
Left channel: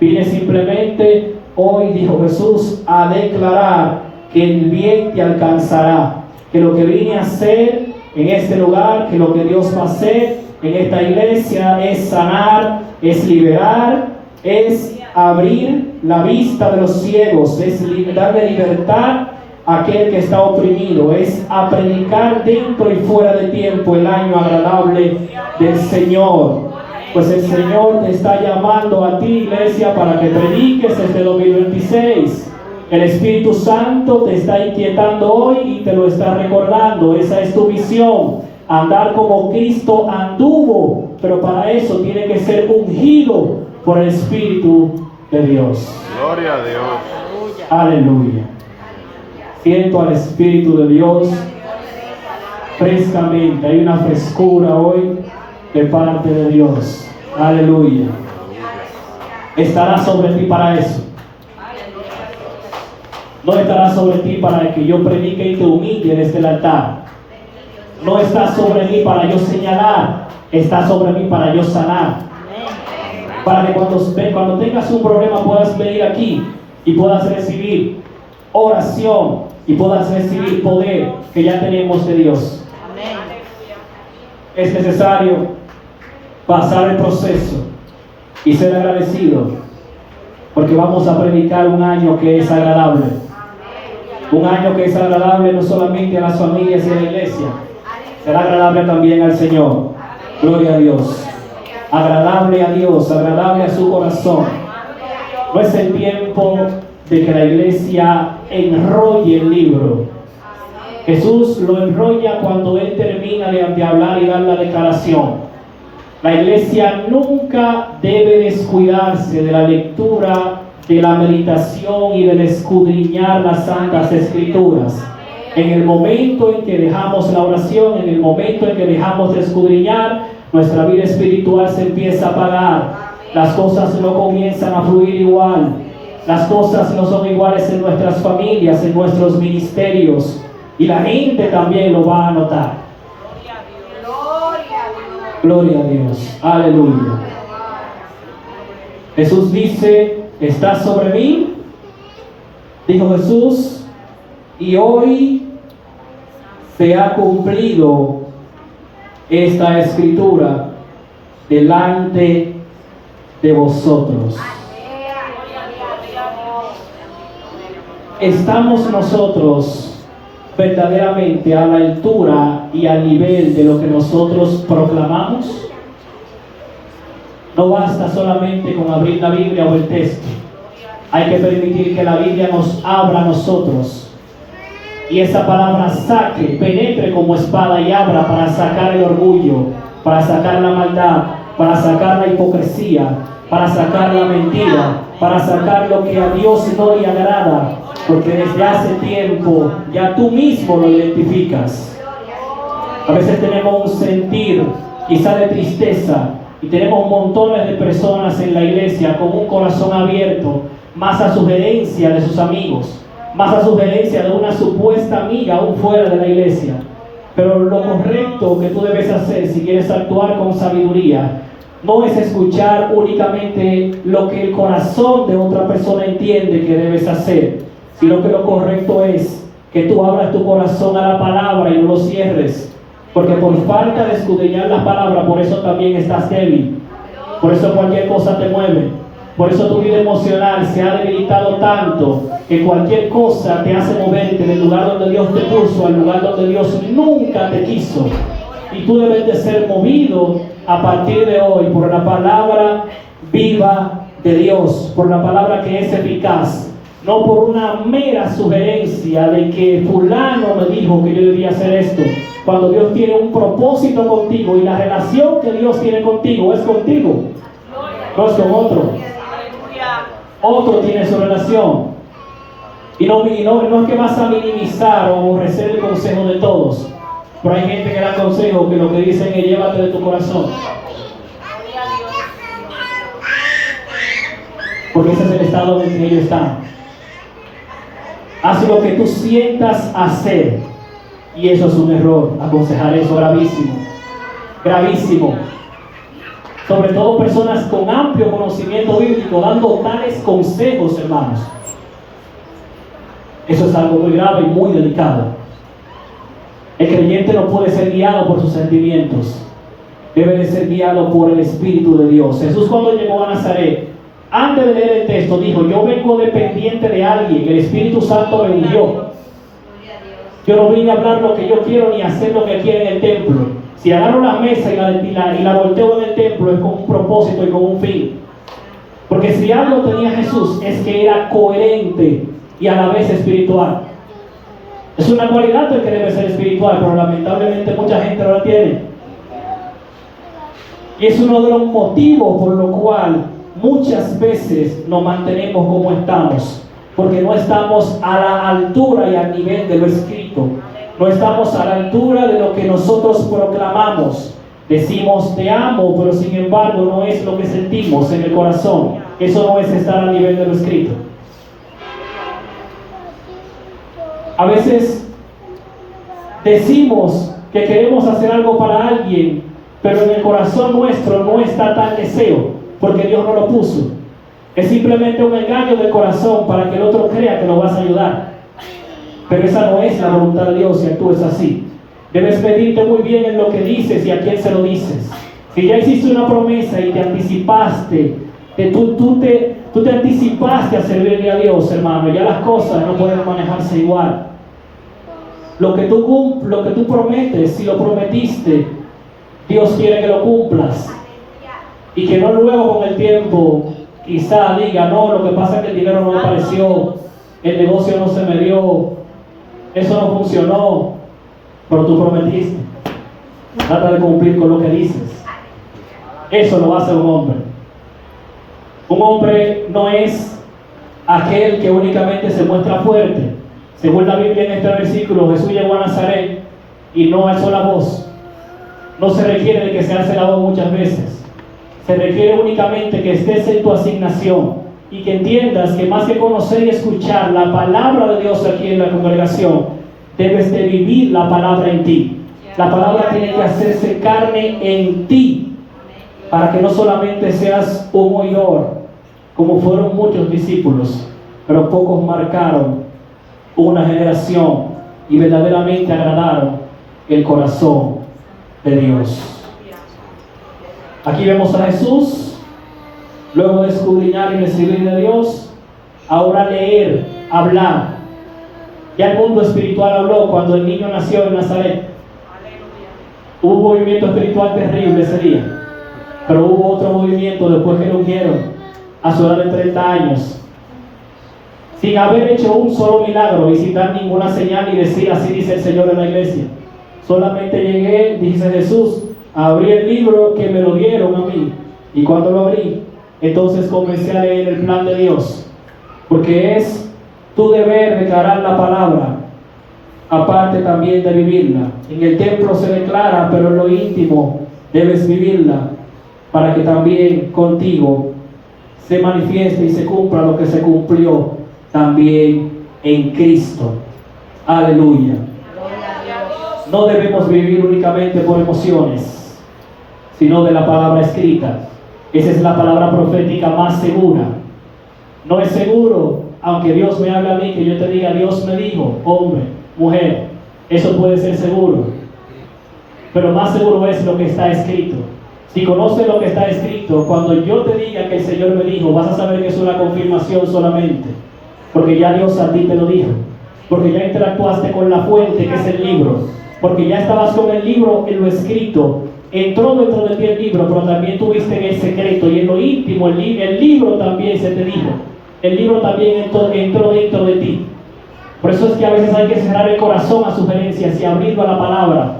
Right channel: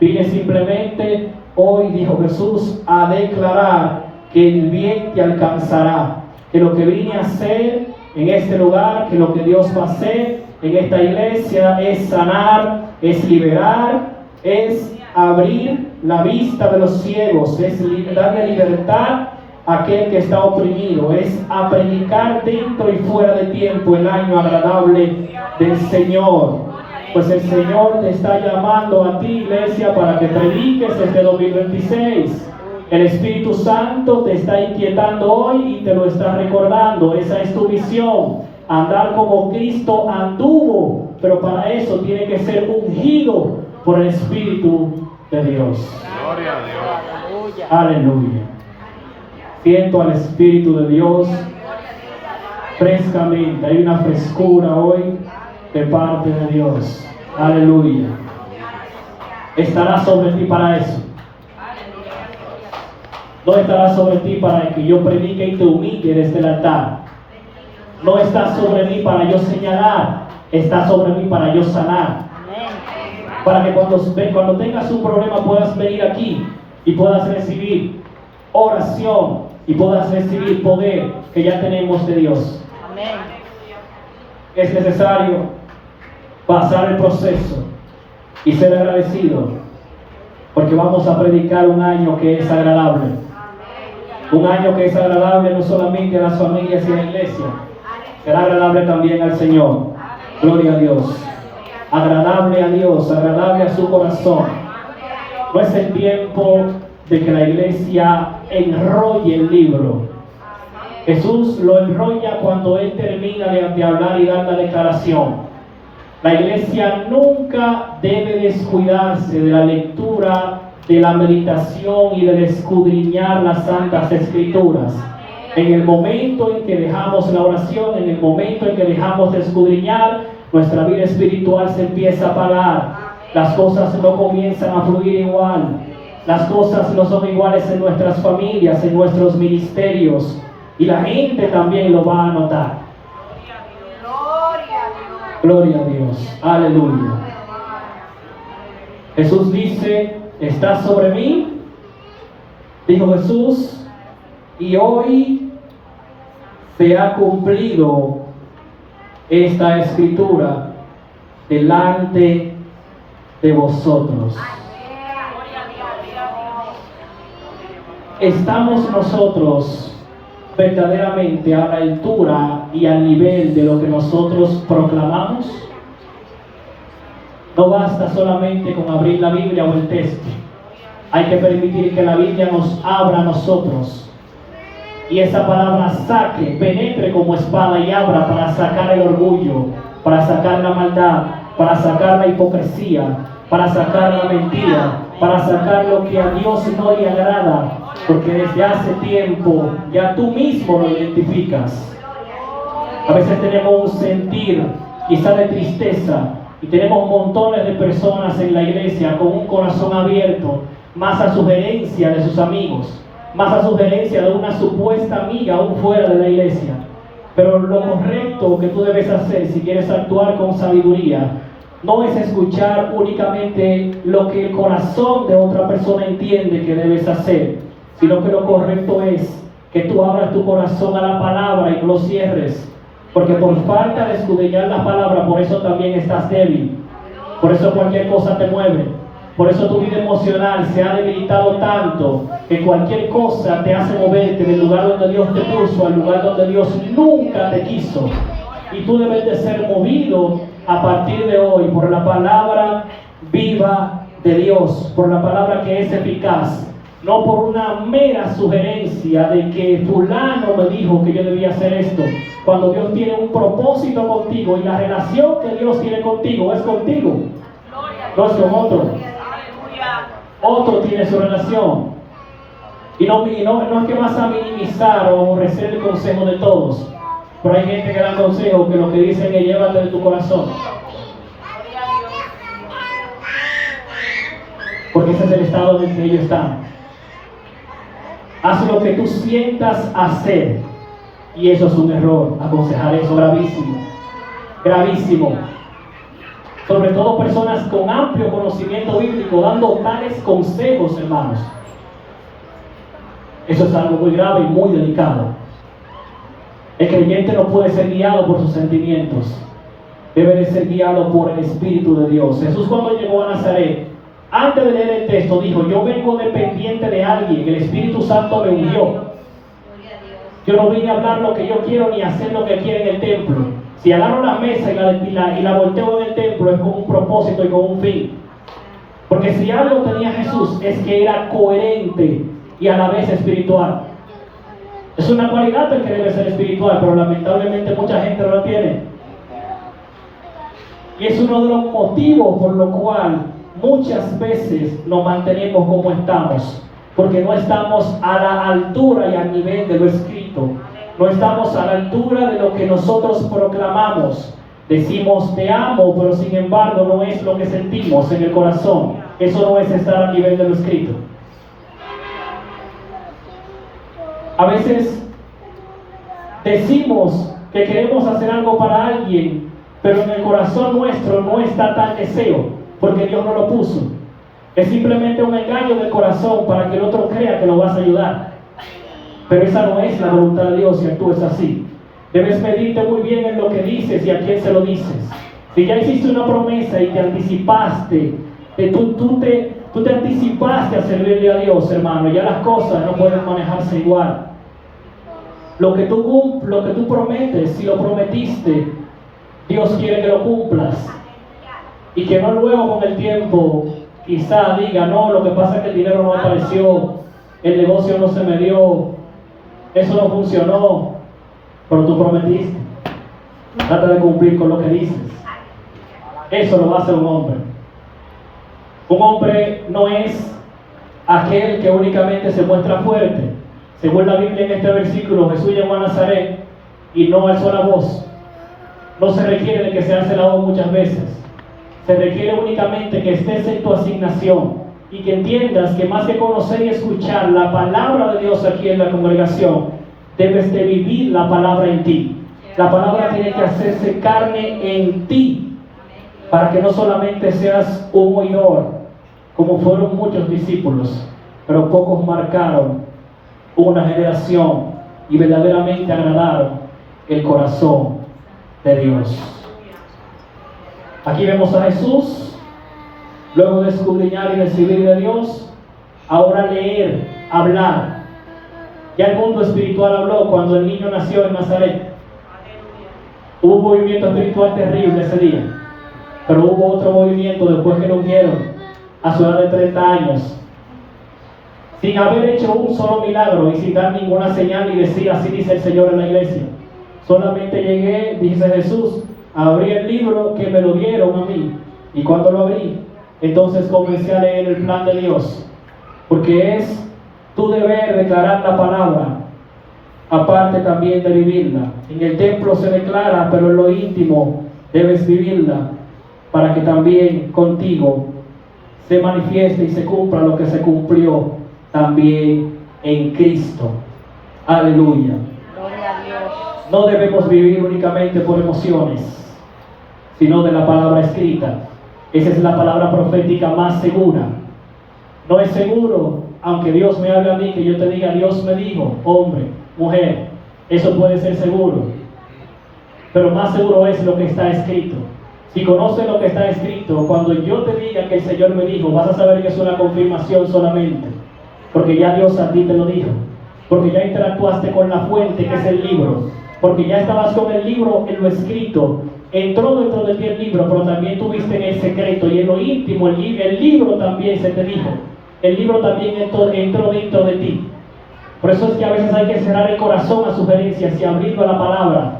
Vine simplemente, hoy dijo Jesús, a declarar que el bien te alcanzará, que lo que vine a hacer en este lugar, que lo que Dios va a hacer en esta iglesia es sanar, es liberar, es abrir la vista de los ciegos, es darle libertad a aquel que está oprimido, es a predicar dentro y fuera de tiempo el año agradable del Señor. Pues el Señor te está llamando a ti, iglesia, para que prediques este 2026. El Espíritu Santo te está inquietando hoy y te lo está recordando. Esa es tu visión, andar como Cristo anduvo, pero para eso tiene que ser ungido por el Espíritu de Dios. Gloria a Dios. Aleluya. Siento al Espíritu de Dios frescamente. Hay una frescura hoy de parte de Dios. Aleluya. Estará sobre ti para eso. No estará sobre ti para que yo predique y te humille desde el altar. No está sobre mí para yo señalar. Está sobre mí para yo sanar. Para que cuando tengas un problema puedas venir aquí y puedas recibir oración y puedas recibir poder que ya tenemos de Dios. Es necesario pasar el proceso y ser agradecido, porque vamos a predicar un año que es agradable. Un año que es agradable no solamente a las familias y a la iglesia, será agradable también al Señor. Gloria a Dios. Agradable a Dios, agradable a su corazón. No es el tiempo de que la iglesia enrolle el libro. Jesús lo enrolla cuando Él termina de hablar y dar la declaración. La iglesia nunca debe descuidarse de la lectura, de la meditación y del escudriñar las Santas Escrituras. En el momento en que dejamos la oración, en el momento en que dejamos de escudriñar, nuestra vida espiritual se empieza a apagar. Las cosas no comienzan a fluir igual. Las cosas no son iguales en nuestras familias, en nuestros ministerios. Y la gente también lo va a notar. Gloria a Dios. Aleluya. Jesús dice, ¿estás sobre mí? Dijo Jesús, y hoy se ha cumplido esta escritura delante de vosotros. ¿Estamos nosotros verdaderamente a la altura y al nivel de lo que nosotros proclamamos? No basta solamente con abrir la Biblia o el texto. Hay que permitir que la Biblia nos abra a nosotros y esa palabra saque, penetre como espada y abra para sacar el orgullo, para sacar la maldad, para sacar la hipocresía, para sacar la mentira, para sacar lo que a Dios no le agrada, porque desde hace tiempo ya tú mismo lo identificas. A veces tenemos un sentir quizá de tristeza y tenemos montones de personas en la iglesia con un corazón abierto, más a sugerencia de sus amigos, más a sugerencia de una supuesta amiga aún fuera de la iglesia. Pero lo correcto que tú debes hacer si quieres actuar con sabiduría no es escuchar únicamente lo que el corazón de otra persona entiende que debes hacer, sino que lo correcto es que tú abras tu corazón a la palabra y no lo cierres, porque por falta de escudriñar la palabra, por eso también estás débil, por eso cualquier cosa te mueve, por eso tu vida emocional se ha debilitado tanto que cualquier cosa te hace moverte del lugar donde Dios te puso al lugar donde Dios nunca te quiso. Y tú debes de ser movido a partir de hoy por la palabra viva de Dios, por la palabra que es eficaz, no por una mera sugerencia de que fulano me dijo que yo debía hacer esto. Cuando Dios tiene un propósito contigo y la relación que Dios tiene contigo es contigo, no es con otro. Otro tiene su relación. Y no es que vas a minimizar o aborrecer el consejo de todos, pero hay gente que da consejo que lo que dicen es llévate de tu corazón, porque ese es el estado en el que ellos están. Haz lo que tú sientas hacer, y eso es un error. Aconsejar eso, gravísimo, gravísimo. Sobre todo personas con amplio conocimiento bíblico dando tales consejos, hermanos. Eso es algo muy grave y muy delicado. El creyente no puede ser guiado por sus sentimientos, debe de ser guiado por el Espíritu de Dios. Jesús, cuando llegó a Nazaret, antes de leer el texto, dijo: yo vengo dependiente de alguien, el Espíritu Santo me envió. Yo no vine a hablar lo que yo quiero ni a hacer lo que quiero en el templo. Si agarro la mesa y la volteo en el templo, es con un propósito y con un fin. Porque si algo tenía Jesús, es que era coherente y a la vez espiritual. Es una cualidad el que debe ser espiritual, pero lamentablemente mucha gente no la tiene. Y es uno de los motivos por lo cual muchas veces nos mantenemos como estamos, porque no estamos a la altura y al nivel de lo escrito. No estamos a la altura de lo que nosotros proclamamos. Decimos te amo, pero sin embargo no es lo que sentimos en el corazón. Eso no es estar al nivel de lo escrito. A veces decimos que queremos hacer algo para alguien, pero en el corazón nuestro no está tal deseo, porque Dios no lo puso. Es simplemente un engaño del corazón para que el otro crea que lo vas a ayudar. Pero esa no es la voluntad de Dios si actúes así. Debes medirte muy bien en lo que dices y a quién se lo dices. Si ya hiciste una promesa y te anticipaste Tú te anticipaste a servirle a Dios, hermano. Ya las cosas no pueden manejarse igual. Lo que tú prometes, si lo prometiste, Dios quiere que lo cumplas. Y que no luego con el tiempo quizá diga, no, lo que pasa es que el dinero no apareció, el negocio no se me dio, eso no funcionó, pero tú prometiste. Trata de cumplir con lo que dices. Eso no hace un hombre. Un hombre no es aquel que únicamente se muestra fuerte. Según la Biblia en este versículo, Jesús llegó a Nazaret y no alzó la voz. No se requiere de que se alce la voz muchas veces. Se requiere únicamente que estés en tu asignación y que entiendas que más que conocer y escuchar la palabra de Dios aquí en la congregación, debes de vivir la palabra en ti. La palabra tiene que hacerse carne en ti, para que no solamente seas un oidor, como fueron muchos discípulos, pero pocos marcaron una generación y verdaderamente agradaron el corazón de Dios. Aquí vemos a Jesús, luego de escudriñar y recibir de Dios, ahora leer, hablar. Ya el mundo espiritual habló cuando el niño nació en Nazaret. Hubo un movimiento espiritual terrible ese día, pero hubo otro movimiento después que lo ungieron a su edad de 30 años, sin haber hecho un solo milagro y sin dar ninguna señal y decir, así dice el Señor en la iglesia. Solamente llegué, dice Jesús, abrí el libro que me lo dieron a mí, y cuando lo abrí, entonces comencé a leer el plan de Dios, porque es tu deber declarar la palabra, aparte también de vivirla. En el templo se declara, pero en lo íntimo debes vivirla, para que también contigo se manifieste y se cumpla lo que se cumplió también en Cristo. Aleluya. No debemos vivir únicamente por emociones, sino de la palabra escrita. Esa es la palabra profética más segura. No es seguro, aunque Dios me hable a mí, que yo te diga, Dios me dijo, hombre, mujer, eso puede ser seguro. Pero más seguro es lo que está escrito. Si conoces lo que está escrito, cuando yo te diga que el Señor me dijo, vas a saber que es una confirmación solamente, porque ya Dios a ti te lo dijo, porque ya interactuaste con la fuente que es el libro, porque ya estabas con el libro en lo escrito. Entró dentro de ti el libro, pero también tuviste en el secreto y en lo íntimo el libro también se te dijo. El libro también entró dentro de ti. Por eso es que a veces hay que cerrar el corazón a sugerencias y abrirlo a la palabra,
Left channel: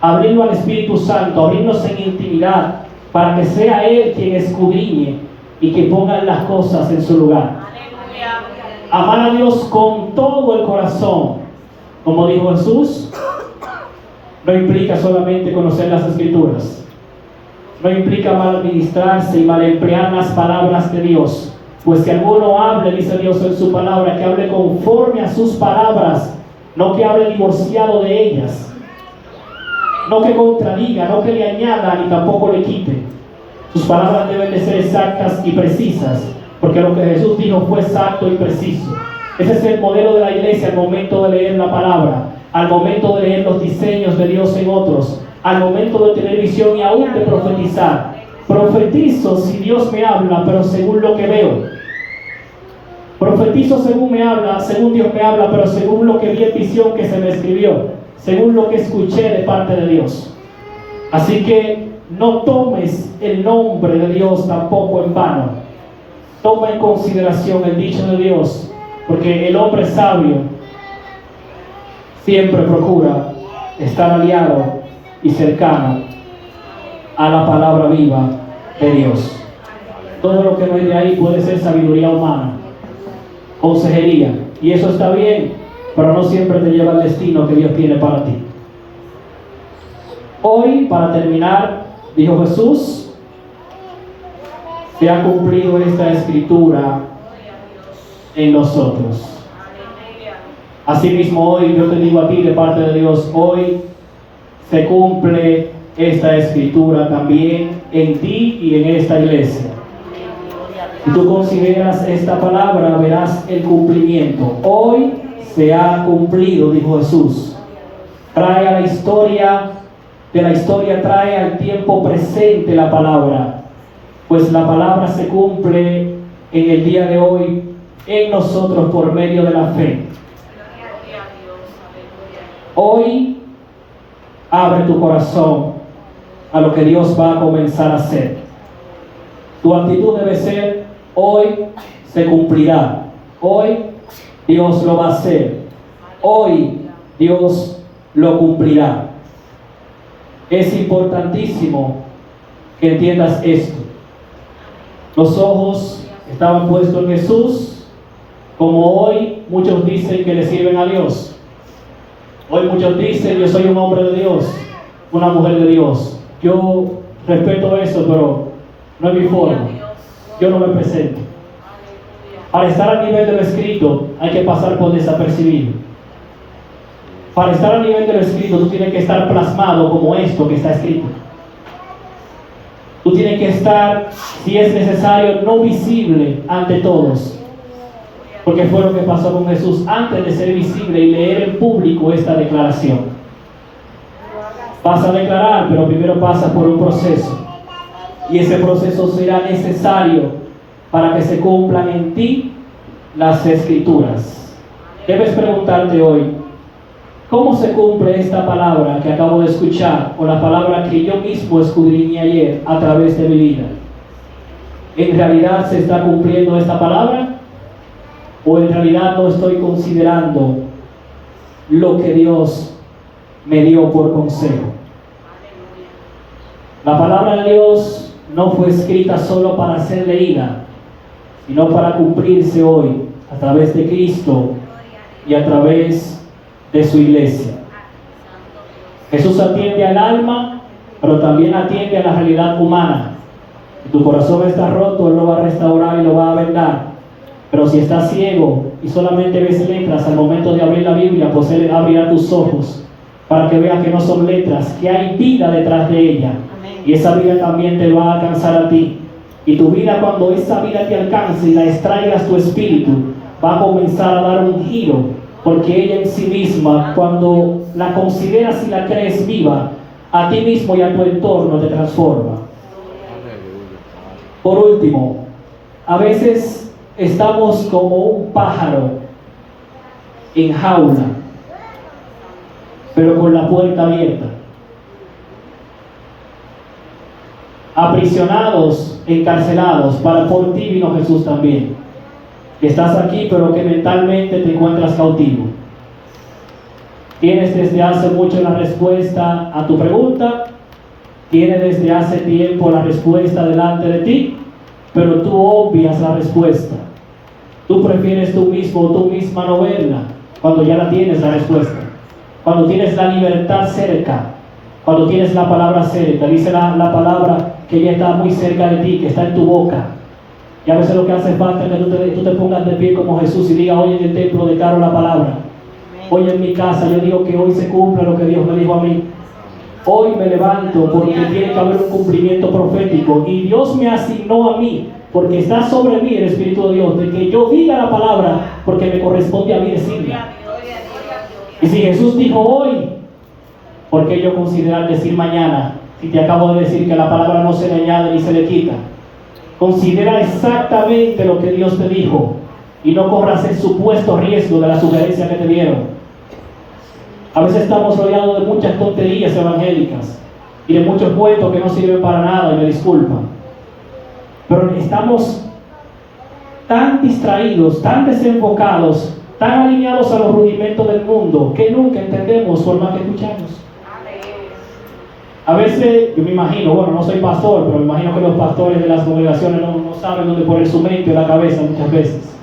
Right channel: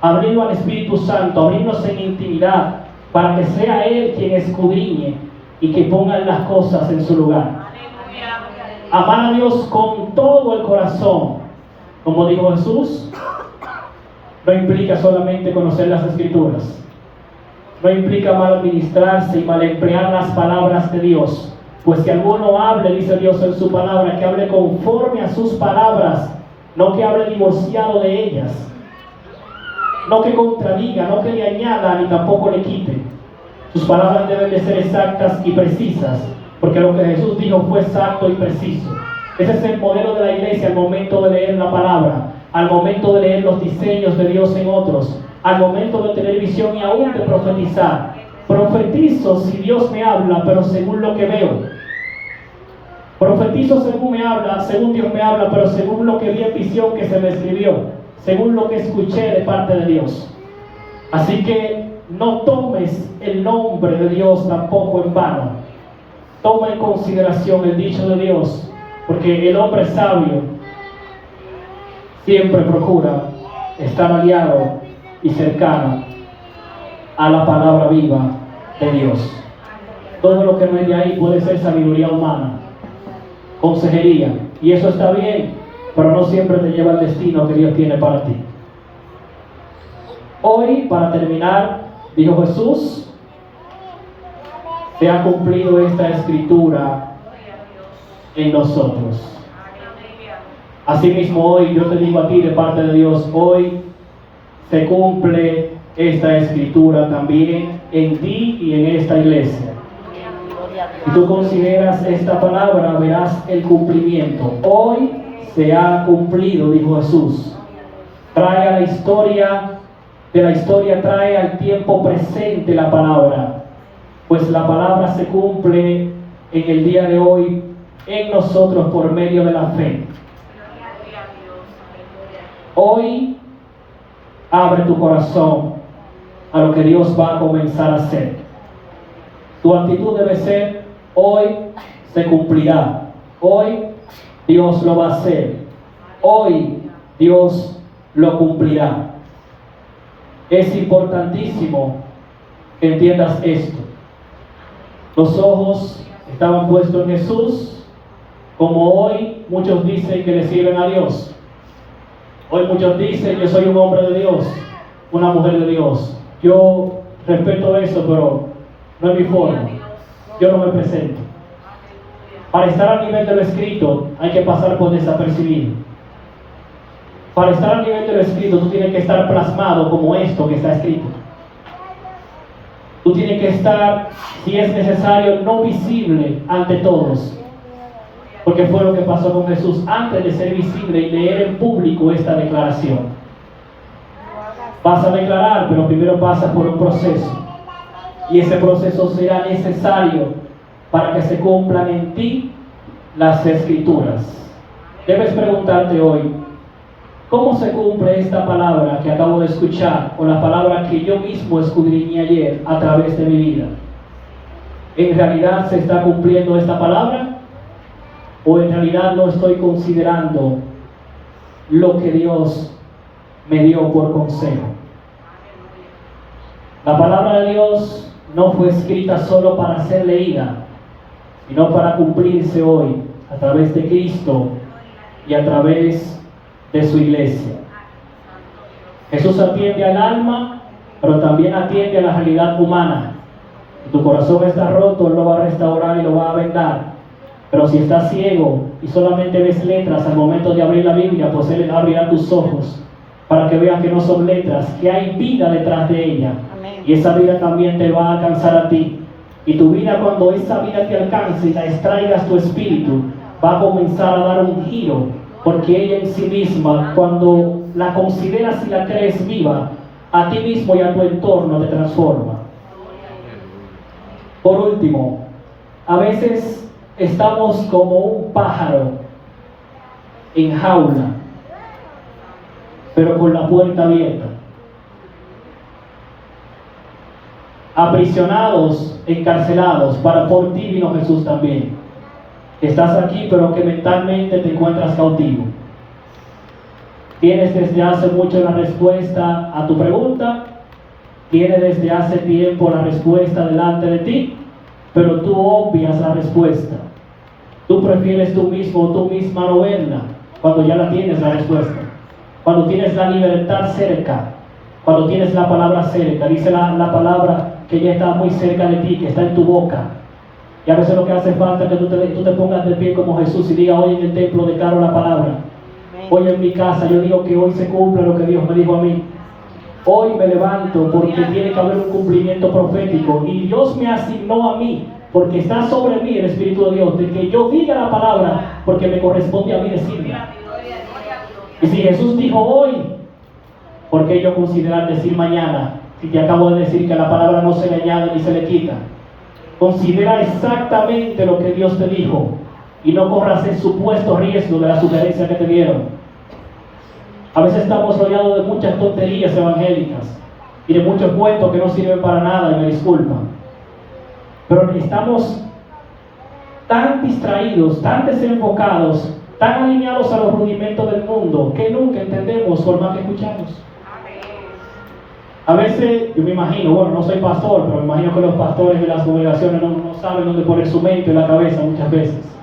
abrirlo al Espíritu Santo, abrirnos en intimidad, para que sea Él quien escudriñe y que ponga las cosas en su lugar. Amar a Dios con todo el corazón, como dijo Jesús, no implica solamente conocer las Escrituras, no implica mal administrarse y mal emplear las palabras de Dios, pues si alguno hable, dice Dios en su palabra, que hable conforme a sus palabras, no que hable divorciado de ellas, no que contradiga, no que le añada ni tampoco le quite. Sus palabras deben de ser exactas y precisas, porque lo que Jesús dijo fue exacto y preciso. Ese es el modelo de la iglesia al momento de leer la palabra, al momento de leer los diseños de Dios en otros, al momento de tener visión y aún de profetizar. Profetizo si Dios me habla, pero según lo que veo. Profetizo según me habla, según Dios me habla, pero según lo que vi en visión que se me escribió, según lo que escuché de parte de Dios. Así que no tomes el nombre de Dios tampoco en vano. Toma en consideración el dicho de Dios, porque el hombre sabio siempre procura estar aliado y cercano a la palabra viva de Dios. Todo lo que no es de ahí puede ser sabiduría humana, consejería, y eso está bien, pero no siempre te lleva al destino que Dios tiene para ti. Hoy, para terminar, dijo Jesús, se ha cumplido esta escritura en nosotros. Asimismo, hoy yo te digo a ti de parte de Dios, hoy se cumple esta escritura también en ti y en esta iglesia. Si tú consideras esta palabra, verás el cumplimiento. Hoy se ha cumplido, dijo Jesús. Trae a la historia, de la historia trae al tiempo presente la palabra. pues la palabra se cumple en el día de hoy en nosotros por medio de la fe. Hoy abre tu corazón a lo que Dios va a comenzar a hacer. Tu actitud debe ser: hoy se cumplirá, hoy Dios lo va a hacer, hoy Dios lo cumplirá. Es importantísimo que entiendas esto. Los ojos estaban puestos en Jesús, como hoy muchos dicen que le sirven a Dios. Hoy muchos dicen: yo soy un hombre de Dios, una mujer de Dios. Yo respeto eso, pero no es mi forma. Yo no me presento. Para estar a nivel de lo escrito hay que pasar por desapercibido. Para estar a nivel de lo escrito tú tienes que estar plasmado como esto que está escrito. Tú tienes que estar, si es necesario, no visible ante todos. Porque fue lo que pasó con Jesús antes de ser visible y leer en público esta declaración. Vas a declarar, pero primero pasas por un proceso. Y ese proceso será necesario para que se cumplan en ti las Escrituras. Debes preguntarte hoy: ¿cómo se cumple esta palabra que acabo de escuchar, o la palabra que yo mismo escudriñé ayer a través de mi vida? ¿En realidad se está cumpliendo esta palabra? ¿O en realidad no estoy considerando lo que Dios me dio por consejo? La palabra de Dios no fue escrita solo para ser leída, sino para cumplirse hoy a través de Cristo y a través de su iglesia. Jesús atiende al alma, pero también atiende a la realidad humana. Si tu corazón está roto, Él lo va a restaurar y lo va a vendar. Pero si estás ciego y solamente ves letras al momento de abrir la Biblia, pues Él abrirá tus ojos para que veas que no son letras, que hay vida detrás de ella. Y esa vida también te va a alcanzar a ti. Y tu vida, cuando esa vida te alcance y la extraigas tu espíritu, va a comenzar a dar un giro, porque ella en sí misma, cuando la consideras y la crees viva, a ti mismo y a tu entorno te transforma. Por último, a veces estamos como un pájaro en jaula, pero con la puerta abierta. Aprisionados, encarcelados, por ti vino Jesús también. Estás aquí, pero que mentalmente te encuentras cautivo. Tienes desde hace mucho la respuesta a tu pregunta, tienes desde hace tiempo la respuesta delante de ti, pero tú obvias la respuesta. Tú prefieres tú mismo o tú misma no verla cuando ya la tienes la respuesta. Cuando tienes la libertad cerca, cuando tienes la palabra cerca, dice la palabra que ya está muy cerca de ti, que está en tu boca. Y a veces lo que hace falta es que tú te pongas de pie como Jesús y diga: hoy en el templo declaro la palabra. Hoy en mi casa yo digo que hoy se cumple lo que Dios me dijo a mí. Hoy me levanto porque tiene que haber un cumplimiento profético. Y Dios me asignó a mí, porque está sobre mí el Espíritu de Dios, de que yo diga la palabra porque me corresponde a mí decirla. Y si Jesús dijo hoy, ¿por qué yo considerar decir mañana? Si te acabo de decir que la palabra no se le añade ni se le quita. Considera exactamente lo que Dios te dijo y no corras el supuesto riesgo de la sugerencia que te dieron. A veces estamos rodeados de muchas tonterías evangélicas y de muchos cuentos que no sirven para nada, y me disculpan. Pero estamos tan distraídos, tan desenfocados, tan alineados a los rudimentos del mundo, que nunca entendemos por más que escuchamos. A veces, yo me imagino, bueno, no soy pastor, pero me imagino que los pastores de las congregaciones no saben dónde poner su mente o la cabeza muchas veces,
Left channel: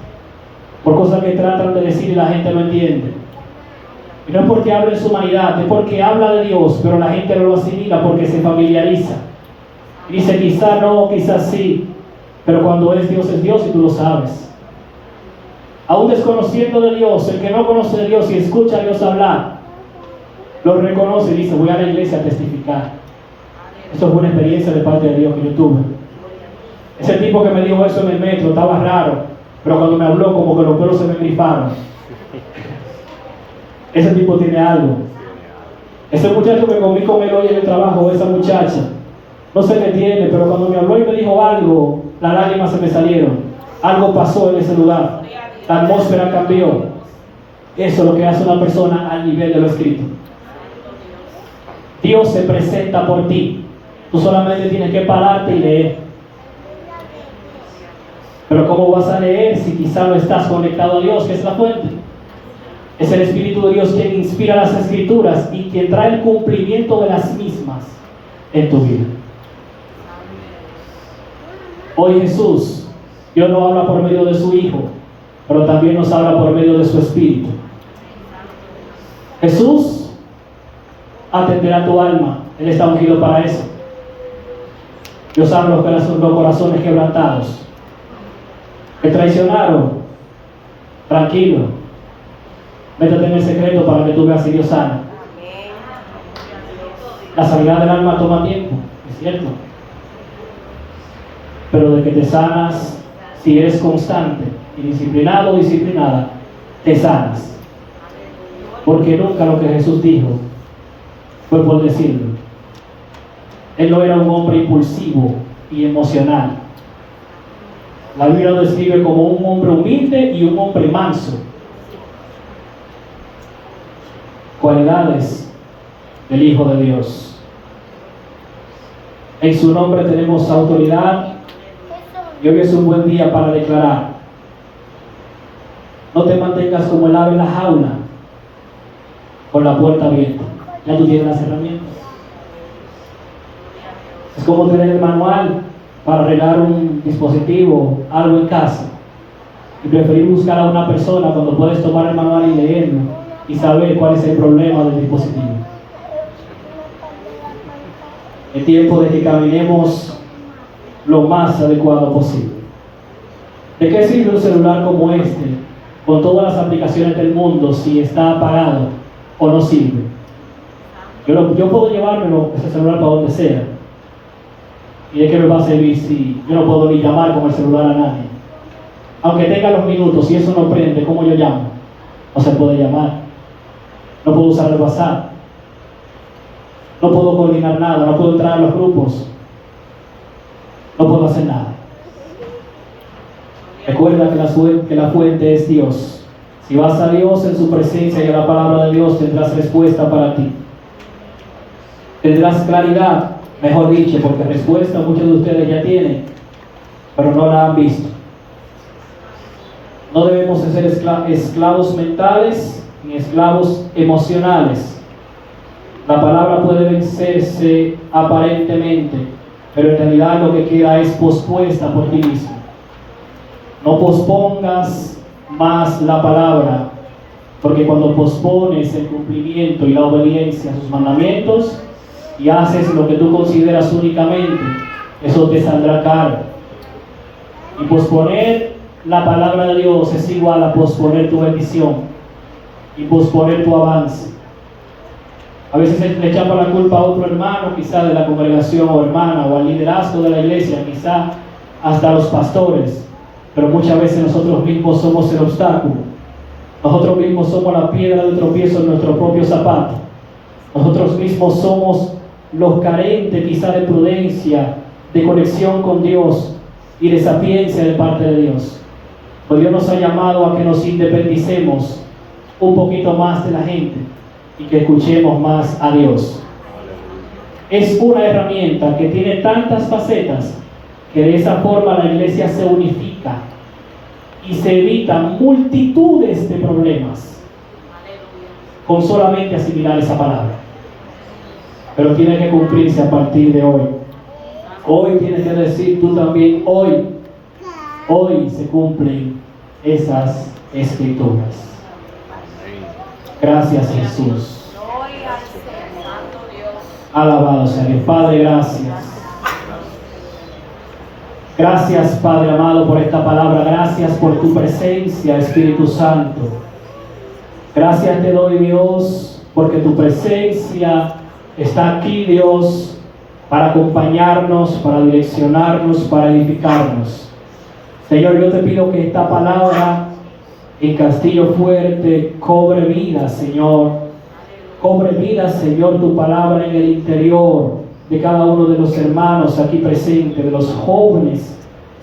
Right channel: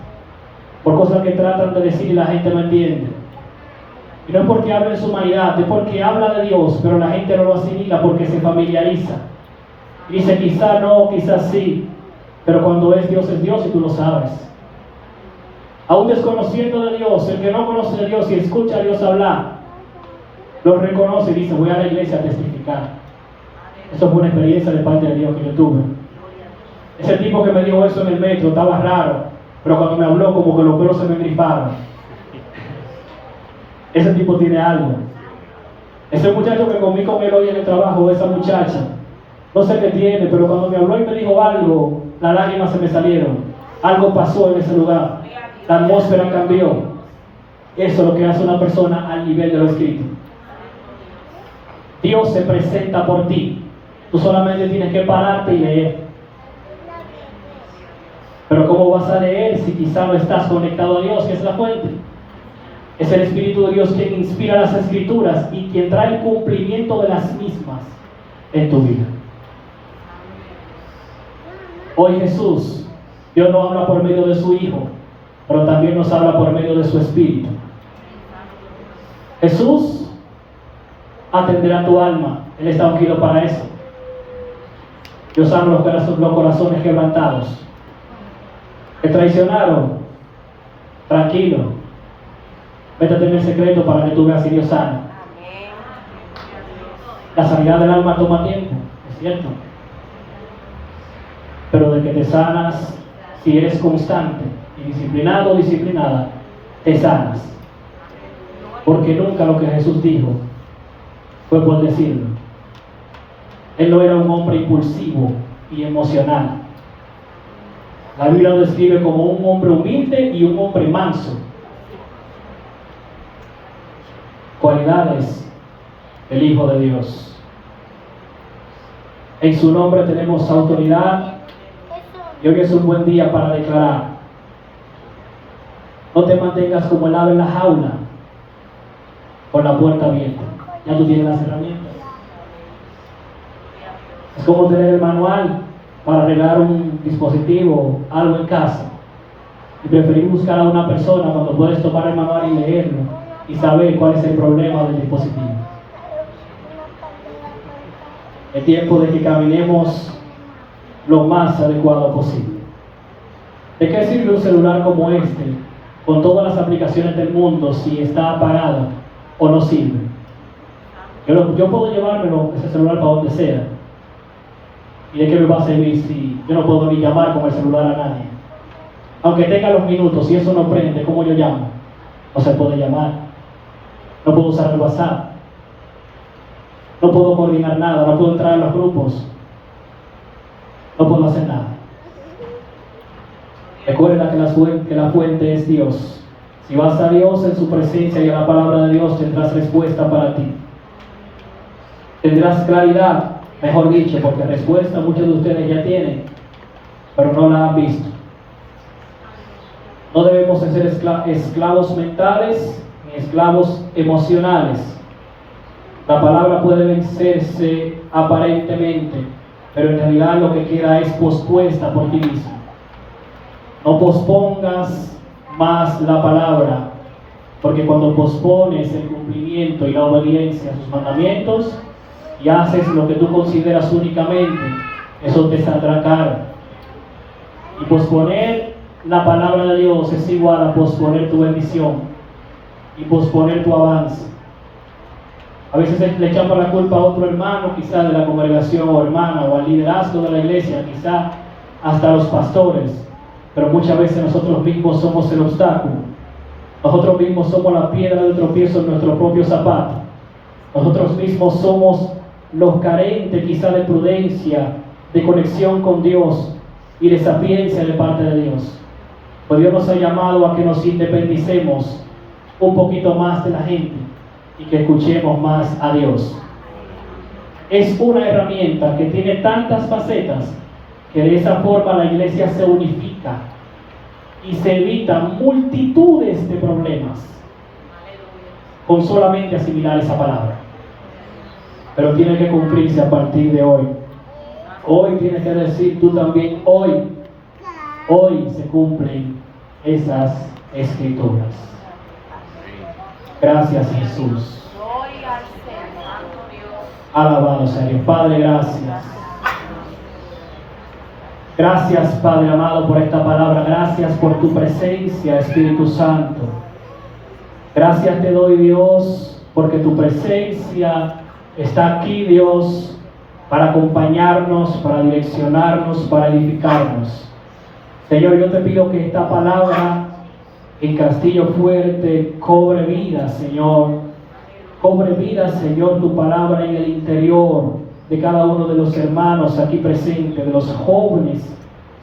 por cosas que tratan de decir y la gente no entiende. Y no es porque habla en su humanidad, es porque habla de Dios, pero la gente no lo asimila porque se familiariza. Y dice: quizá no, quizás sí, pero cuando es Dios y tú lo sabes. Aún desconociendo de Dios, el que no conoce de Dios y escucha a Dios hablar, lo reconoce y dice: voy a la iglesia a testificar. Eso es una experiencia de parte de Dios que yo tuve. Ese tipo que me dijo eso en el metro estaba raro, pero cuando me habló como que los pelos se me griparon. Ese tipo tiene algo. Ese muchacho que comí con él hoy en el trabajo, esa muchacha, No se me entiende, pero cuando mi abuelo me dijo algo, las lágrimas se me salieron. Algo pasó en ese lugar. La atmósfera cambió. Eso es lo que hace una persona al nivel de lo escrito. Dios se presenta por ti. Tú solamente tienes que pararte y leer. Pero ¿cómo vas a leer si quizá no estás conectado a Dios, que es la fuente? Es el Espíritu de Dios quien inspira las Escrituras y quien trae el cumplimiento de las mismas en tu vida. Hoy Jesús, Dios no habla por medio de su Hijo, pero también nos habla por medio de su Espíritu. Jesús atenderá tu alma. Él está ungido para eso. Dios ama los corazones quebrantados. Te traicionaron. Tranquilo. Métete en el secreto para que tú veas si Dios sana. La sanidad del alma toma tiempo, es cierto. Pero de que te sanas, si eres constante y disciplinado o disciplinada, te sanas. Porque nunca lo que Jesús dijo fue por decirlo. Él no era un hombre impulsivo y emocional. La Biblia lo describe como un hombre humilde y un hombre manso. Cualidades del Hijo de Dios. En su nombre tenemos autoridad y hoy es un buen día para declarar. No te mantengas como el ave en la jaula con la puerta abierta. Ya tú tienes las herramientas. Es como tener el manual para arreglar un dispositivo, algo en casa, y preferir buscar a una persona cuando puedes tomar el manual y leerlo y saber cuál es el problema del dispositivo. Es tiempo de que caminemos lo más adecuado posible. ¿De qué sirve un celular como este, con todas las aplicaciones del mundo, si está apagado o no sirve? Yo puedo llevármelo, ese celular, para donde sea. ¿Y de qué me va a servir si yo no puedo ni llamar con el celular a nadie? Aunque tenga los minutos, si eso no prende, ¿cómo yo llamo? No se puede llamar. No puedo usar el WhatsApp. No puedo coordinar nada, no puedo entrar a los grupos. No puedo hacer nada. Recuerda que la fuente es Dios. Si vas a Dios en su presencia y a la palabra de Dios, tendrás respuesta para ti. Tendrás claridad, mejor dicho, porque respuesta muchos de ustedes ya tienen, pero no la han visto. No debemos de ser esclavos mentales ni esclavos emocionales. La palabra puede vencerse aparentemente, pero en realidad lo que queda es pospuesta por ti mismo. No pospongas más la palabra, porque cuando pospones el cumplimiento y la obediencia a sus mandamientos y haces lo que tú consideras únicamente, eso te saldrá caro. Y posponer la palabra de Dios es igual a posponer tu bendición y posponer tu avance. A veces le echamos la culpa a otro hermano, quizá de la congregación o hermana, o al liderazgo de la iglesia, quizá hasta a los pastores, pero muchas veces nosotros mismos somos el obstáculo. Nosotros mismos somos la piedra de tropiezo en nuestro propio zapato. Nosotros mismos somos los carentes quizá de prudencia, de conexión con Dios y de sapiencia de parte de Dios. Pues Dios nos ha llamado a que nos independicemos un poquito más de la gente y que escuchemos más a Dios. Es una herramienta que tiene tantas facetas que de esa forma la iglesia se unifica y se evitan multitudes de problemas con solamente asimilar esa palabra. Pero tiene que cumplirse a partir de hoy. Hoy tienes que decir tú también, hoy se cumplen esas escrituras. Gracias, Jesús. Alabado sea Dios. Padre, gracias. Gracias, Padre amado, por esta palabra. Gracias por tu presencia, Espíritu Santo. Gracias te doy, Dios, porque tu presencia está aquí, Dios, para acompañarnos, para direccionarnos, para edificarnos. Señor, yo te pido que esta palabra en Castillo Fuerte cobre vida, Señor. Cobre vida, Señor, tu palabra en el interior de cada uno de los hermanos aquí presentes, de los jóvenes,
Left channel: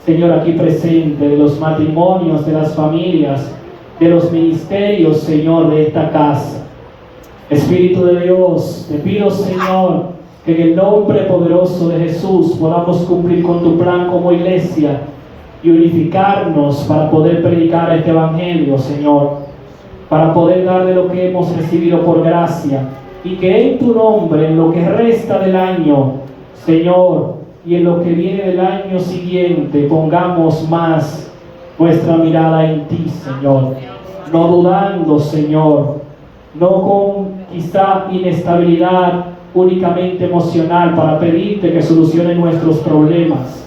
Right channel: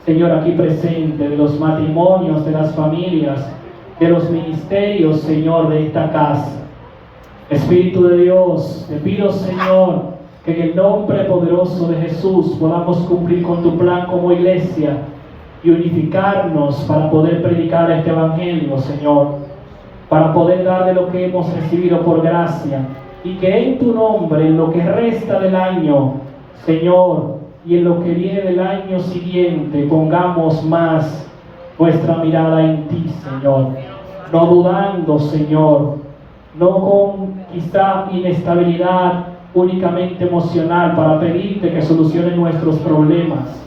Señor, aquí presentes, de los matrimonios, de las familias, de los ministerios, Señor, de esta casa. Espíritu de Dios, te pido, Señor, que en el nombre poderoso de Jesús podamos cumplir con tu plan como iglesia y unificarnos para poder predicar este evangelio, Señor, para poder dar de lo que hemos recibido por gracia, y que en tu nombre, en lo que resta del año, Señor, y en lo que viene del año siguiente, pongamos más nuestra mirada en ti, Señor, no dudando, Señor, no con quizá inestabilidad únicamente emocional para pedirte que soluciones nuestros problemas,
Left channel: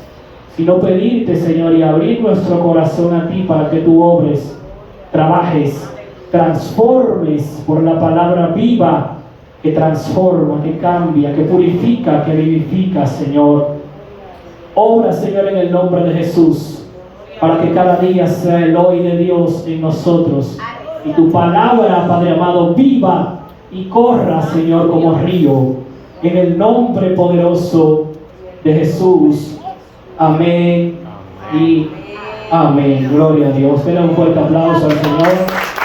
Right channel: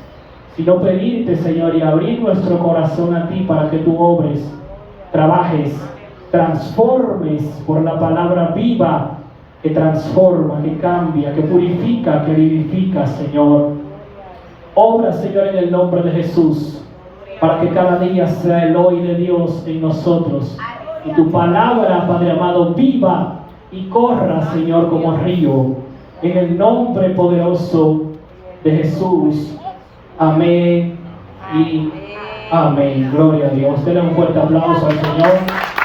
sino pedirte, Señor, y abrir nuestro corazón a ti para que tú obres, trabajes, transformes por la palabra viva que transforma, que cambia, que purifica, que vivifica, Señor. Obra, Señor, en el nombre de Jesús, para que cada día sea el hoy de Dios en nosotros, y tu palabra, Padre amado, viva y corra, Señor, como río, en el nombre poderoso de Jesús. Amén y amén. Gloria a Dios. Den un fuerte aplauso al Señor.